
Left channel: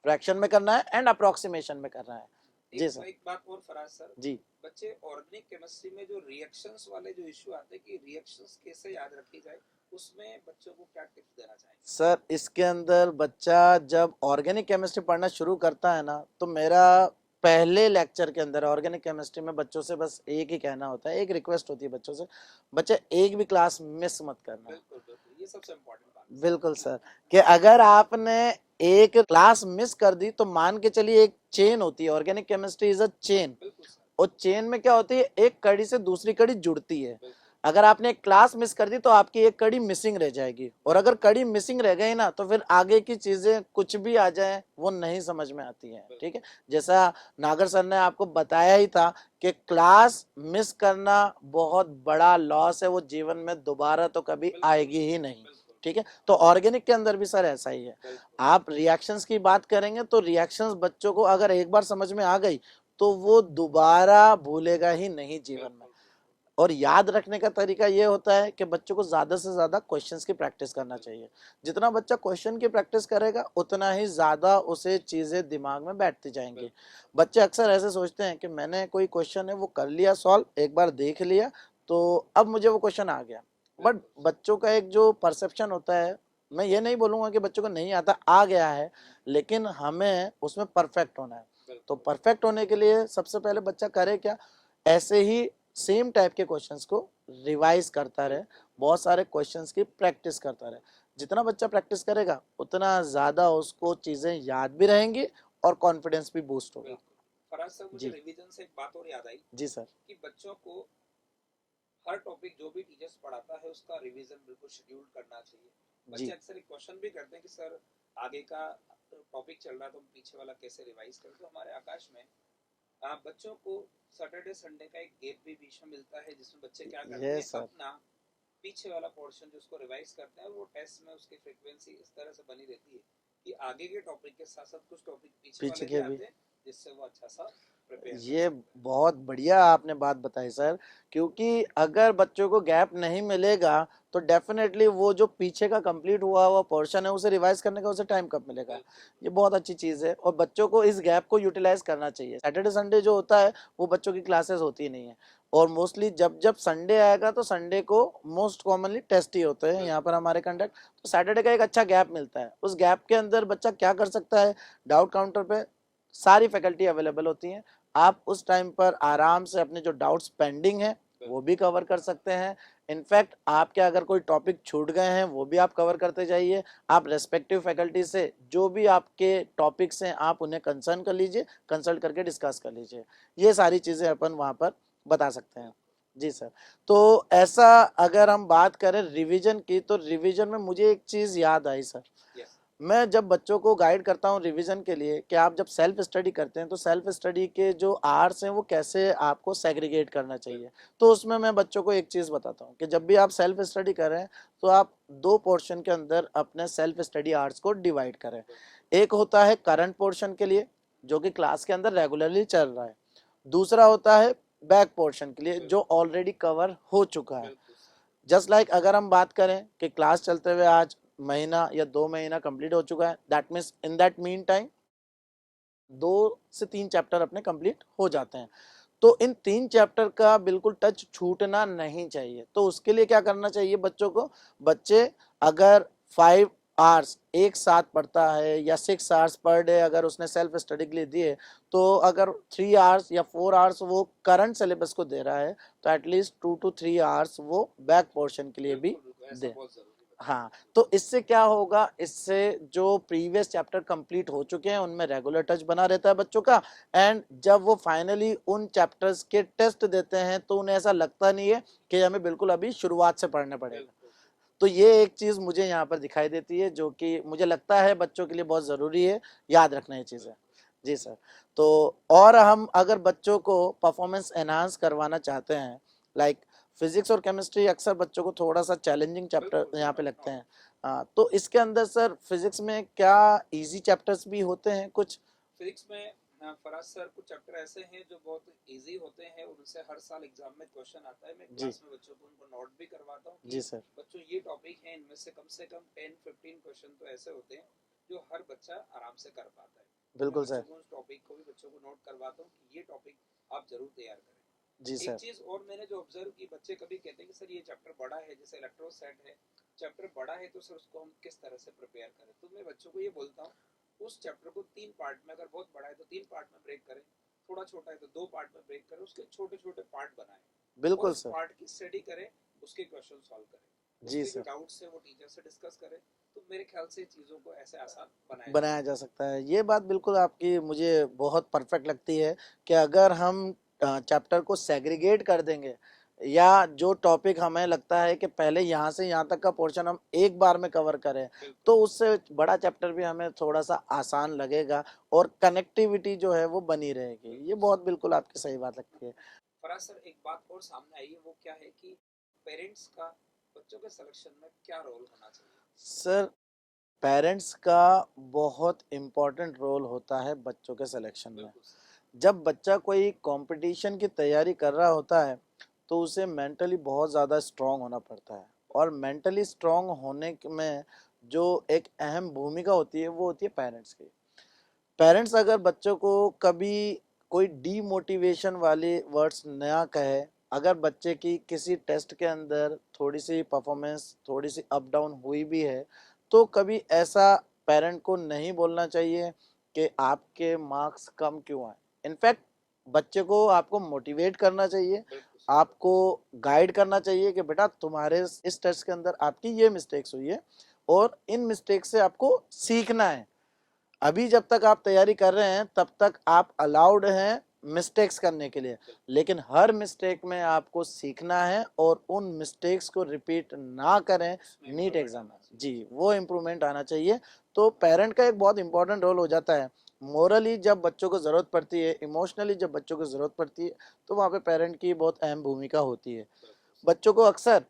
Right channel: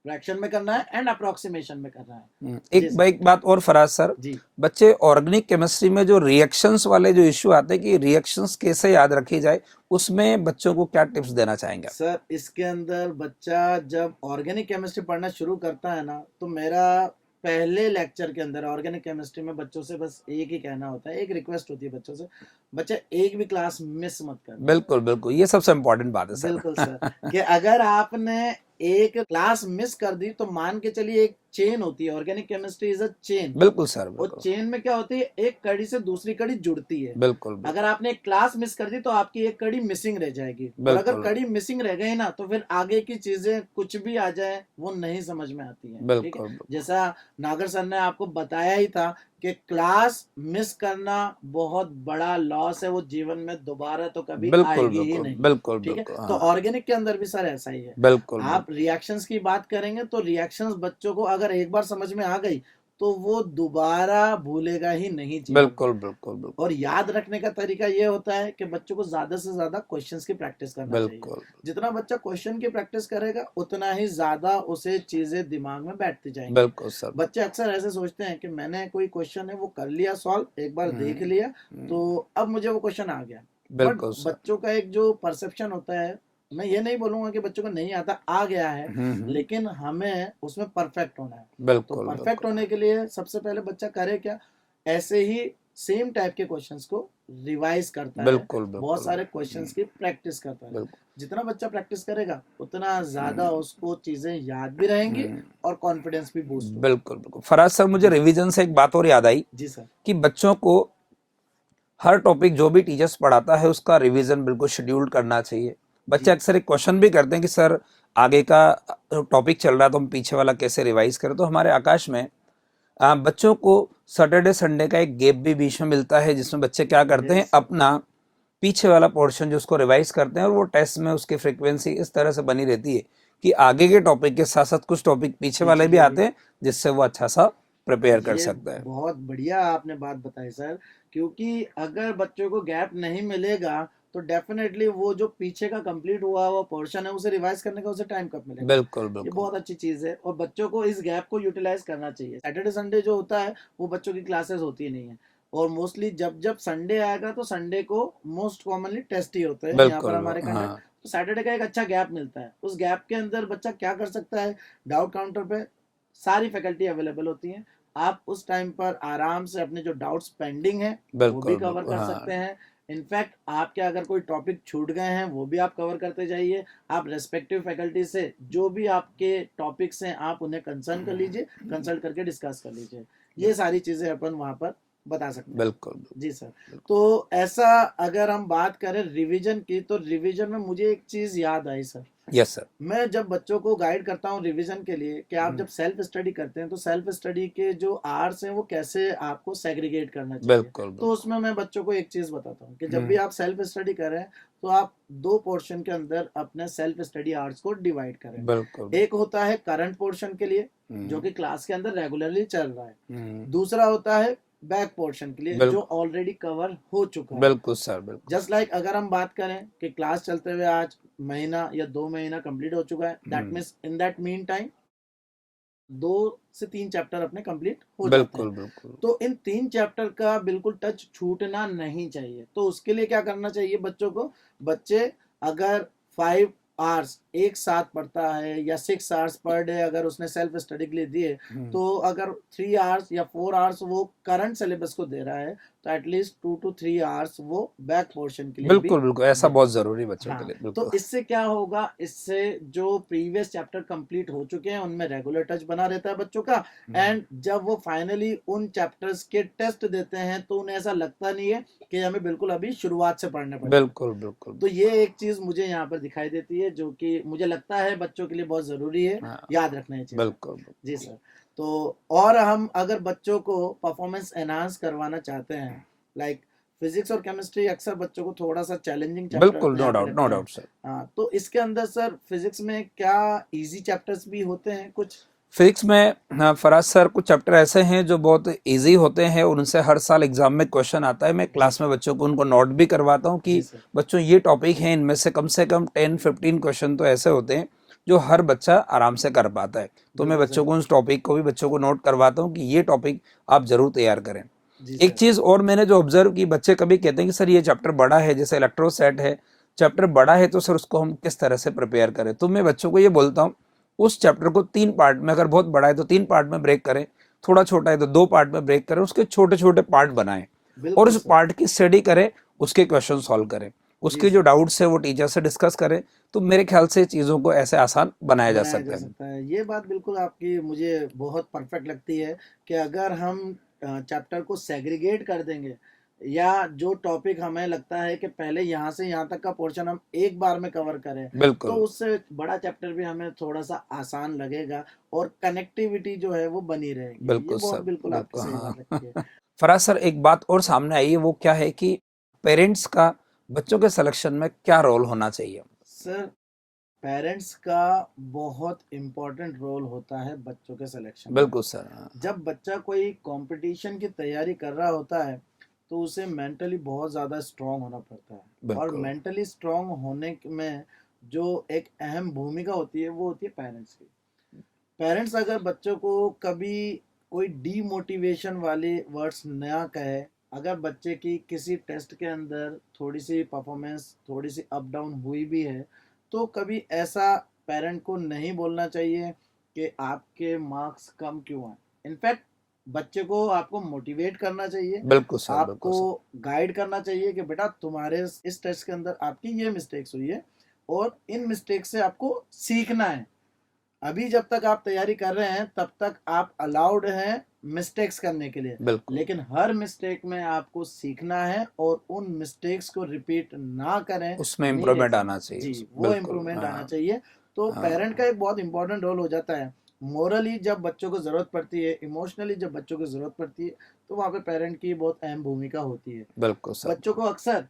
फ्रैक्शन में करना है एंड अप्रोक्सीमेशन में करना है। जी एक सर। एक बात और फराज सर, जी बच्चे ऑर्गेनिक केमिस्ट्री में जो रिएक्शंस वाले जो इश्यू आते हैं कि रिएक्शंस कैसे याद रखी जाए, उसमें बच्चों को क्या टिप्स देना चाहेंगे आप? सर, इसके अंदर बच्चा जब ऑर्गेनिक केमिस्ट्री पढ़ना शुरू करता है ना, तो मेरा पहले लेक्चर के अंदर ऑर्गेनिक केमिस्ट्री में बच्चों से बस एक ही कहना होता है, एक रिक्वेस्ट होती है बच्चों से, बच्चे एक भी क्लास मिस मत करना। बिल्कुल बिल्कुल, ये सबसे इम्पोर्टेंट बात है बिल्कुल सर। सर, कि अगर आपने एक क्लास मिस कर दी तो मान के चलिए, एक चेन होती है, organic chemistry is a chain. बिल्कुल सर। और बिल्कुल चेन में क्या होती है, एक कड़ी से दूसरी कड़ी जुड़ती है। बिल्कुल बिल्कुल अगर आपने एक क्लास मिस कर दी तो आपकी एक कड़ी मिसिंग रह जाएगी, और अगर बिल्कुल कड़ी मिसिंग रह गई ना तो फिर आगे की चीजें कुछ भी आ जाए वो नहीं समझ में आती है। ठीक है, बिल्कुल जैसा नागर सर ने आपको बताया ही था कि क्लास मिस करना बहुत बड़ा लॉस है, वो जीवन में दोबारा तो कभी बिल्कुल आएगी ही बिल्कुल नहीं। बिल्कुल ठीक है, बिल्कुल, तो हाँ। ऑर्गेनिक के अंदर भी सर ऐसा ही है। बिल्कुल आप रिएक्शंस की बात करेंगे तो रिएक्शंस बच्चों को अगर एक बार समझ में आ गई तो वो दोबारा भूलेगा ही नहीं जीवन में। बिल्कुल बिल्कुल बिल्कुल और याद रखने का तरीका ये होता है कि बच्चों को ज्यादा से ज्यादा क्वेश्चंस की प्रैक्टिस करना चाहिए। बिल्कुल जितना बच्चा क्वेश्चन की प्रैक्टिस करेगा उतना ही ज्यादा उसे चीजें दिमाग में बैठती जाएंगी। बिल्कुल सर। बच्चे अक्सर ऐसे सोचते हैं कि मैंने कोई क्वेश्चन है वो कर लिया सॉल्व, एक बार देख लिया तो अब मुझे वो क्वेश्चन आ गया। बट बिल्कुल सर। बच्चों का एक जो परसेप्शन होता है, मैं ये नहीं बोलूंगा कि बच्चों को नहीं आता, आ गया है, लेकिन हमें उसमें परफेक्ट होना है। तो बिल्कुल परफेक्ट बिल्कुल होने के लिए सबसे पहले बच्चा करे क्या, ऐसे ही सेम टाइप के क्वेश्चंस को रिवाइज करता है, बिल्कुल बहुत बिल्कुल सारे क्वेश्चंस की प्रैक्टिस करता है। बिल्कुल जितना बच्चा प्रैक्टिस करेगा उतना ज्यादा उसको चीजें याद भी रहेंगी और कॉन्फिडेंस भी बूस्ट होगा। बिल्कुल बिल्कुल। फराज सर, मुझे जी रिवीजन से एक बात और याद आई जी सर। कि बच्चों को हर टॉपिक जो भी टीचर्स पढ़ाता है उसका रिवीजन बिल्कुल शेड्यूल करना चाहिए। बच्चे जी अक्सर एक क्वेश्चन भी करते हैं कि सर आगे का टॉपिक चल रहा है तो हम पीछे वाला कैसे रिवाइज करें। तो हमारे आकाश में बच्चों को सैटरडे संडे का एक गैप भी बीच में मिलता है जिसमें बच्चे क्या करते हैं, यस सर। अपना पीछे वाला पोर्शन जो उसको रिवाइज करते हैं और वो टेस्ट में उसकी फ्रीक्वेंसी इस तरह से बनी रहती है कि आगे के टॉपिक के साथ साथ कुछ टॉपिक पीछे वाले पीछे भी के आते हैं जिससे वो अच्छा सा प्रिपेयर कर ये सकता है। बहुत बढ़िया आपने बात बताई सर, क्योंकि अगर बच्चों को गैप नहीं मिलेगा तो डेफिनेटली वो जो पीछे का कंप्लीट हुआ हुआ पोर्शन है उसे रिवाइज करने का उसे टाइम कब मिलेगा। बिल्कुल ये बिल्कुल बहुत अच्छी चीज है और बच्चों को इस गैप को यूटिलाइज करना चाहिए। सैटरडे संडे जो होता है वो बच्चों की क्लासेस होती नहीं है, और मोस्टली जब जब संडे आएगा तो संडे को मोस्ट कॉमनली टेस्ट ही होते हैं यहाँ पर बिल्कुल हमारे कंडक्ट। हाँ तो सैटरडे का एक अच्छा गैप मिलता है, उस गैप के अंदर बच्चा क्या कर सकता है, डाउट काउंटर पे सारी फैकल्टी अवेलेबल होती है, आप उस टाइम पर आराम से अपने जो डाउट्स पेंडिंग है वो भी बिल्कुल कवर बिल्कुल कर हाँ सकते हैं। इनफैक्ट आपके अगर कोई टॉपिक छूट गए हैं वो भी आप कवर करते जाइए। आप रेस्पेक्टिव फैकल्टी से जो भी आपके टॉपिक्स हैं आप उन्हें कंसर्न कर लीजिए, कंसल्ट करके डिस्कस कर लीजिए। ये सारी चीजें अपन वहां पर बता सकते हैं। बिल्कुल जी सर। तो ऐसा अगर हम बात करें रिवीजन की, तो रिवीजन में मुझे एक चीज याद आई सर, यस सर। मैं जब बच्चों को गाइड करता हूँ रिवीजन के लिए कि आप जब सेल्फ स्टडी करते हैं तो सेल्फ स्टडी के जो आवर्स हैं वो कैसे आपको सेग्रीगेट करना चाहिए। बिल्कुल तो बिल्कुल। उसमें मैं बच्चों को एक चीज बताता हूँ कि जब भी हम्म, आप सेल्फ स्टडी करें तो आप दो पोर्शन के अंदर अपने सेल्फ स्टडी आवर्स को डिवाइड करें। बिल्कुल। एक होता है करंट पोर्शन के लिए जो हम्म, कि क्लास के अंदर रेगुलरली चल रहा है। हम्म, दूसरा होता है बैक पोर्शन के लिए बिल, जो ऑलरेडी कवर हो चुका है। बिल्कुल सर, बिल्कुल। जस्ट लाइक अगर हम बात करें कि क्लास चलते हुए आज महीना या 2 महीना कंप्लीट हो चुका है, that means in that mean time 2 से 3 चैप्टर अपने कंप्लीट हो जाते हैं। बिल्कुल बिल्कुल। तो इन 3 चैप्टर का बिल्कुल टच छूटना नहीं चाहिए। तो उसके लिए क्या करना चाहिए बच्चों को, बच्चे अगर 5 आवर्स एक साथ पढ़ता है या 6 आवर्स पर डे अगर उसने सेल्फ स्टडी के लिए दिए, तो अगर 3 आवर्स या 4 आवर्स वो करंट सिलेबस को दे रहा है तो एटलीस्ट 2 to 3 आवर्स वो बैक पोर्शन के लिए भी बिल्कुल बिल्कुल, ऐसा दे। बहुत जरूरी है बच्चों के हाँ, लिए, तो बिल्कुल। इससे क्या होगा, इससे जो प्रीवियस चैप्टर कंप्लीट हो चुके हैं उनमें रेगुलर टच बना रहता है बच्चों का। एंड जब वो फाइनली उन चैप्टर्स के टेस्ट देते हैं तो उन्हें ऐसा लगता नहीं है कि हमें बिल्कुल अभी शुरुआत से पढ़ने पड़ेंगे। बिल्कुल बिल्कुल। तो ये एक चीज मुझे यहाँ पर दिखाई देती है जो कि मुझे लगता है बच्चों के लिए बहुत जरूरी है, हाँ, याद रखना ये चीज। बिल्कुल जी बिल्कुल। सर। तो और हम अगर बच्चों को परफॉर्मेंस एनहांस करवाना चाहते हैं, लाइक फिजिक्स और केमिस्ट्री अक्सर बच्चों को थोड़ा सा चैलेंजिंग बिल्कुल, चैप्टर नो यहाँ पे डाउट, नो लगते हैं। Doubt sir. हाँ, तो इसके अंदर सर फिजिक्स में क्या इजी चैप्टर्स भी होते हैं कुछ? फिजिक्स में हाँ, फराज सर कुछ चैप्टर ऐसे हैं जो बहुत इजी होते हैं और उनसे हर साल एग्जाम में क्वेश्चन आता है। मैं क्लास में बच्चों को उनको नोट भी करवाता हूँ जी कि सर। बच्चों ये टॉपिक है, इनमें से कम 10-15 क्वेश्चन तो ऐसे होते हैं जो हर बच्चा आराम से कर पाता है। तो मैं बिल्कुल बच्चों सर। को उस टॉपिक को भी बच्चों को नोट करवाता हूँ कि ये टॉपिक आप जरूर तैयार करें। जी एक सर। चीज और मैंने जो ऑब्जर्व की, बच्चे कभी कहते हैं कि सर ये चैप्टर बड़ा है, जैसे इलेक्ट्रोसेट है, चैप्टर बड़ा है तो सर उसको हम किस तरह से प्रिपेयर करें। तो मैं बच्चों को ये बोलता हूँ उस चैप्टर को 3 पार्ट में, अगर बहुत बड़ा है तो 3 पार्ट में ब्रेक करें, थोड़ा छोटा है तो 2 पार्ट में ब्रेक करें, उसके छोटे छोटे पार्ट बनाएं और बिल्कुल उस सर। पार्ट की स्टडी करें, उसके क्वेश्चन सॉल्व करें, जी उसके जो सर। डाउट्स है वो टीचर से डिस्कस करें। तो मेरे ख्याल से चीज़ों को ऐसे आसान बनाया जा बनाया जा सकता है। सकता है। ये बात बिल्कुल आपकी मुझे बहुत परफेक्ट लगती है कि अगर हम चैप्टर को सेग्रीगेट कर देंगे या जो टॉपिक हमें लगता है कि पहले यहाँ से यहाँ तक का पोर्शन हम एक बार में कवर करें तो बिल्कुल उससे बड़ा चैप्टर भी हमें थोड़ा सा आसान लगेगा और कनेक्टिविटी जो है वो बनी रहेगी। ये बिल्कुल बहुत सर, बिल्कुल आपकी बिल्कुल सही हाँ। बात लगती है। फराज सर एक बात और सामने आई है, वो क्या है कि पेरेंट्स का बच्चों के सिलेक्शन में क्या रोल होना चाहिए। सर पेरेंट्स का बहुत इम्पोर्टेंट रोल होता है बच्चों के सिलेक्शन में। बिल्कुल सर, हाँ, जब बच्चा कोई कंपटीशन की तैयारी कर रहा होता है तो उसे मेंटली बहुत ज़्यादा स्ट्रांग होना पड़ता है। और बिल्कुल मेंटली स्ट्रांग होने में जो एक अहम भूमिका होती है वो होती है पेरेंट्स की। पेरेंट्स अगर बच्चों को कभी कोई डीमोटिवेशन वाले वर्ड्स ना कहे, अगर बच्चे की किसी टेस्ट के अंदर थोड़ी सी परफॉर्मेंस थोड़ी सी अप डाउन हुई भी है तो कभी ऐसा पेरेंट को नहीं बोलना चाहिए कि आपके मार्क्स कम क्यों आए। इनफैक्ट बच्चे को आपको मोटिवेट करना चाहिए, बिल्कुल सर, बिल्कुल आपको सर। गाइड करना चाहिए कि बेटा तुम्हारे इस टेस्ट के अंदर आपकी ये मिस्टेक्स हुई है और इन मिस्टेक से आपको सीखना है। अभी जब तक आप तैयारी कर रहे हैं तब तक आप अलाउड हैं मिस्टेक्स करने के लिए, बिल्कुल लेकिन हर मिस्टेक में आपको सीखना है और उन मिस्टेक्स को रिपीट ना करें। उसमें नीड इम्प्रूवमेंट एग्जाम आना चाहिए जी उसमें, वो बिल्कुल इम्प्रूवमेंट आना हाँ। चाहिए। तो पेरेंट का हाँ, एक बहुत इंपॉर्टेंट रोल हो जाता है। मोरली जब बच्चों को ज़रूरत पड़ती है, इमोशनली जब बच्चों को ज़रूरत पड़ती है तो वहाँ पे पेरेंट की बहुत अहम भूमिका होती है। बिल्कुल सर, बच्चों को अक्सर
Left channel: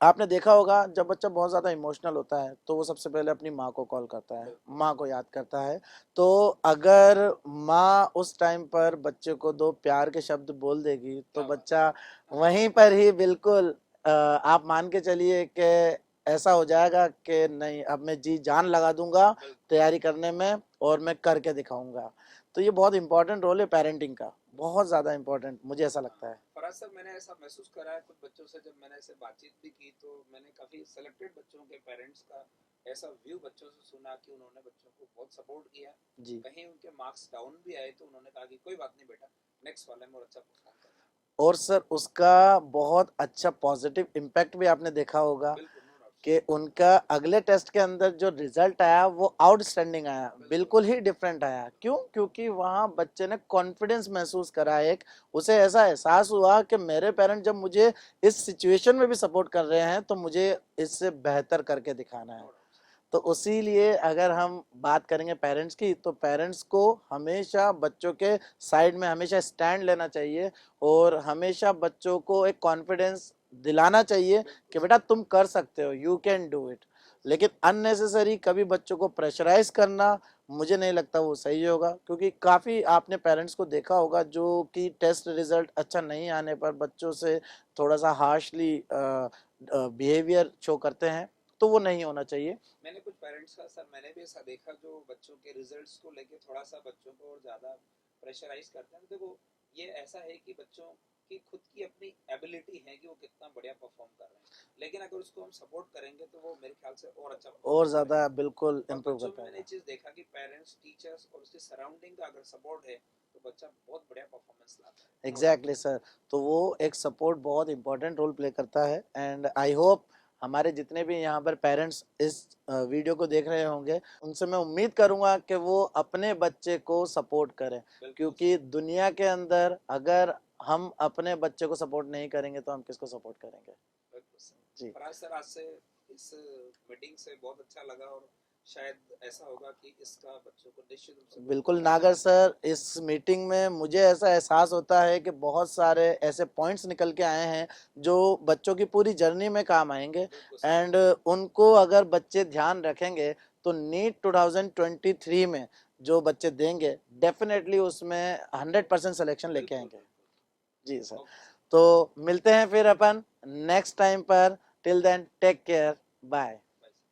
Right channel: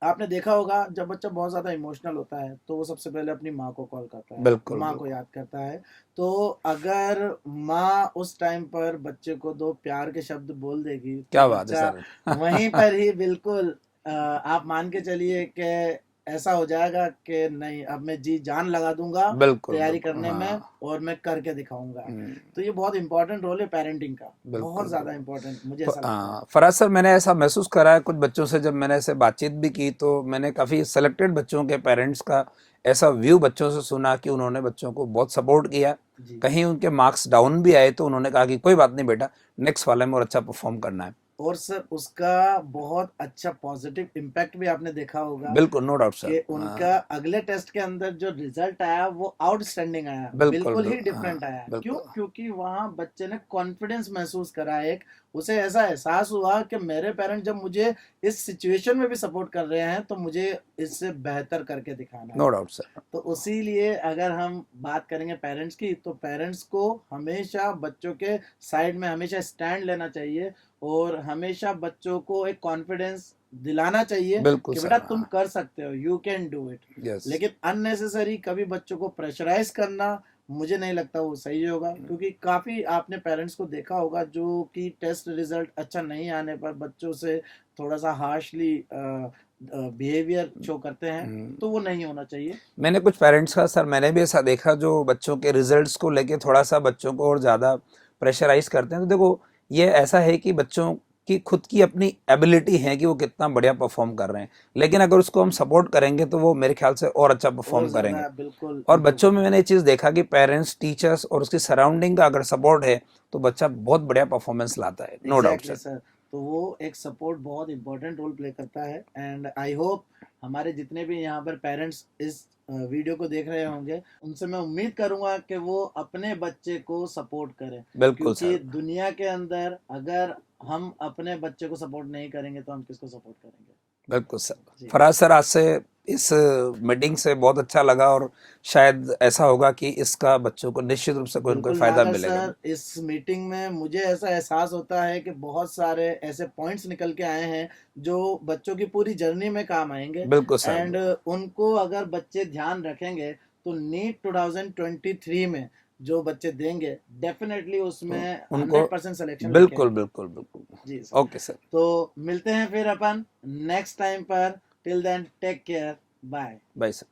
आपने देखा होगा जब बच्चा बहुत ज़्यादा इमोशनल होता है तो वो सबसे पहले अपनी माँ को कॉल करता है, बिल्कुल माँ को बिल्कुल। याद करता है। तो अगर माँ उस टाइम पर बच्चे को 2 प्यार के शब्द बोल देगी तो क्या बात है बच्चा वहीं सर। पर ही बिल्कुल आप मान के चलिए कि ऐसा हो जाएगा कि नहीं अब मैं जी जान लगा दूंगा बिल्कुल तैयारी बिल्कुल करने में हाँ। और मैं करके दिखाऊंगा। हम्म, तो ये बहुत इंपॉर्टेंट रोल है पेरेंटिंग का, बहुत बिल्कुल ज़्यादा बिल्कुल। इंपॉर्टेंट मुझे ऐसा लगता है। हाँ फराज सर, मैंने ऐसा महसूस करा है कुछ बच्चों से, जब मैंने ऐसे बातचीत भी की तो मैंने काफ़ी सेलेक्टेड बच्चों के पेरेंट्स का ऐसा व्यू बच्चों से सुना कि उन्होंने बच्चों को बहुत सपोर्ट किया। जी कहीं उनके मार्क्स डाउन भी आए तो उन्होंने कहा कि कोई बात नहीं बेटा, नेक्स्ट वाले में और अच्छा परफॉर्म करना है। और सर उसका बहुत अच्छा पॉजिटिव इम्पैक्ट भी आपने देखा होगा बिल्कुल, नो डाउट कि सर। उनका अगले टेस्ट के अंदर जो रिजल्ट आया वो आउटस्टैंडिंग आया, बिल्कुल ही डिफरेंट आया। क्यों? बिल्कुल। क्योंकि वहां बच्चे ने कॉन्फिडेंस महसूस करा, एक उसे ऐसा एहसास हुआ कि मेरे पेरेंट्स जब मुझे इस सिचुएशन में भी सपोर्ट कर रहे हैं तो मुझे इससे बेहतर करके दिखाना नो है। Doubt sir. तो उसी लिए अगर हम बात करेंगे पेरेंट्स की, तो पेरेंट्स को हमेशा बच्चों के साइड में हमेशा स्टैंड लेना चाहिए और हमेशा बच्चों को एक कॉन्फिडेंस दिलाना चाहिए बिल्कुल कि सर। बेटा तुम कर सकते हो, you can do it. Yes. लेकिन अननेसेसरी कभी बच्चों को प्रेशराइज करना मुझे नहीं लगता वो सही होगा, क्योंकि काफ़ी आपने पेरेंट्स को देखा होगा जो कि टेस्ट रिजल्ट अच्छा नहीं आने पर बच्चों से थोड़ा सा हार्शली बिहेवियर शो करते हैं, तो वो नहीं होना चाहिए। मैंने कुछ पेरेंट्स का सर मैंने भी ऐसा देखा जो बच्चों के रिजल्ट्स को लेके थोड़ा सा बच्चों को और ज़्यादा प्रेशराइज करते हैं। तो देखो ये ऐसा है कि बच्चों की खुद की अपनी एबिलिटी है कि वो कितना बढ़िया परफॉर्म कर रहे हैं, लेकिन अगर उसको हम सपोर्ट करेंगे तो वो मेरे ख्याल से और अच्छा और परफॉर्म करेंगे। ज़्यादा बिल्कुल और इम्प्रूव बच्चों कर में मैंने पाएंगे। ये चीज़ देखा कि पेरेंट्स, टीचर्स और उसकी सराउंडिंग का अगर सपोर्ट है तो बच्चा बहुत बढ़िया परफॉर्मेंस लाता है, no doubt exactly sir. Sir. तो वो एक सपोर्ट बहुत इंपॉर्टेंट रोल प्ले करता है, एंड आई होप हमारे जितने भी यहाँ पर पेरेंट्स इस वीडियो को देख रहे होंगे उनसे मैं उम्मीद करूंगा कि वो अपने बच्चे को सपोर्ट करें, बिल्कुल क्योंकि सर। दुनिया के अंदर अगर हम अपने बच्चे को सपोर्ट नहीं करेंगे तो हम किसको सपोर्ट करेंगे। बिल्कुल सर। जी फराज सर, आज से इस मीटिंग से बहुत अच्छा लगा और शायद ऐसा होगा कि इसका बच्चों को निश्चित रूप से कोई ना कोई बिल्कुल फायदा नागर मिलेगा। सर, इस मीटिंग में मुझे ऐसा एहसास होता है कि बहुत सारे ऐसे पॉइंट्स निकल के आए हैं जो बच्चों की पूरी जर्नी में काम आएंगे, बिल्कुल सर। एंड उनको अगर बच्चे ध्यान रखेंगे तो नीट 2023 में जो बच्चे देंगे डेफिनेटली उसमें उनको 100% सिलेक्शन लेके बिल्कुल आएंगे। बिल्कुल बिल्कुल। जी सर। Okay sir. तो मिलते हैं फिर अपन नेक्स्ट टाइम पर। Till then take care, bye. Bye sir.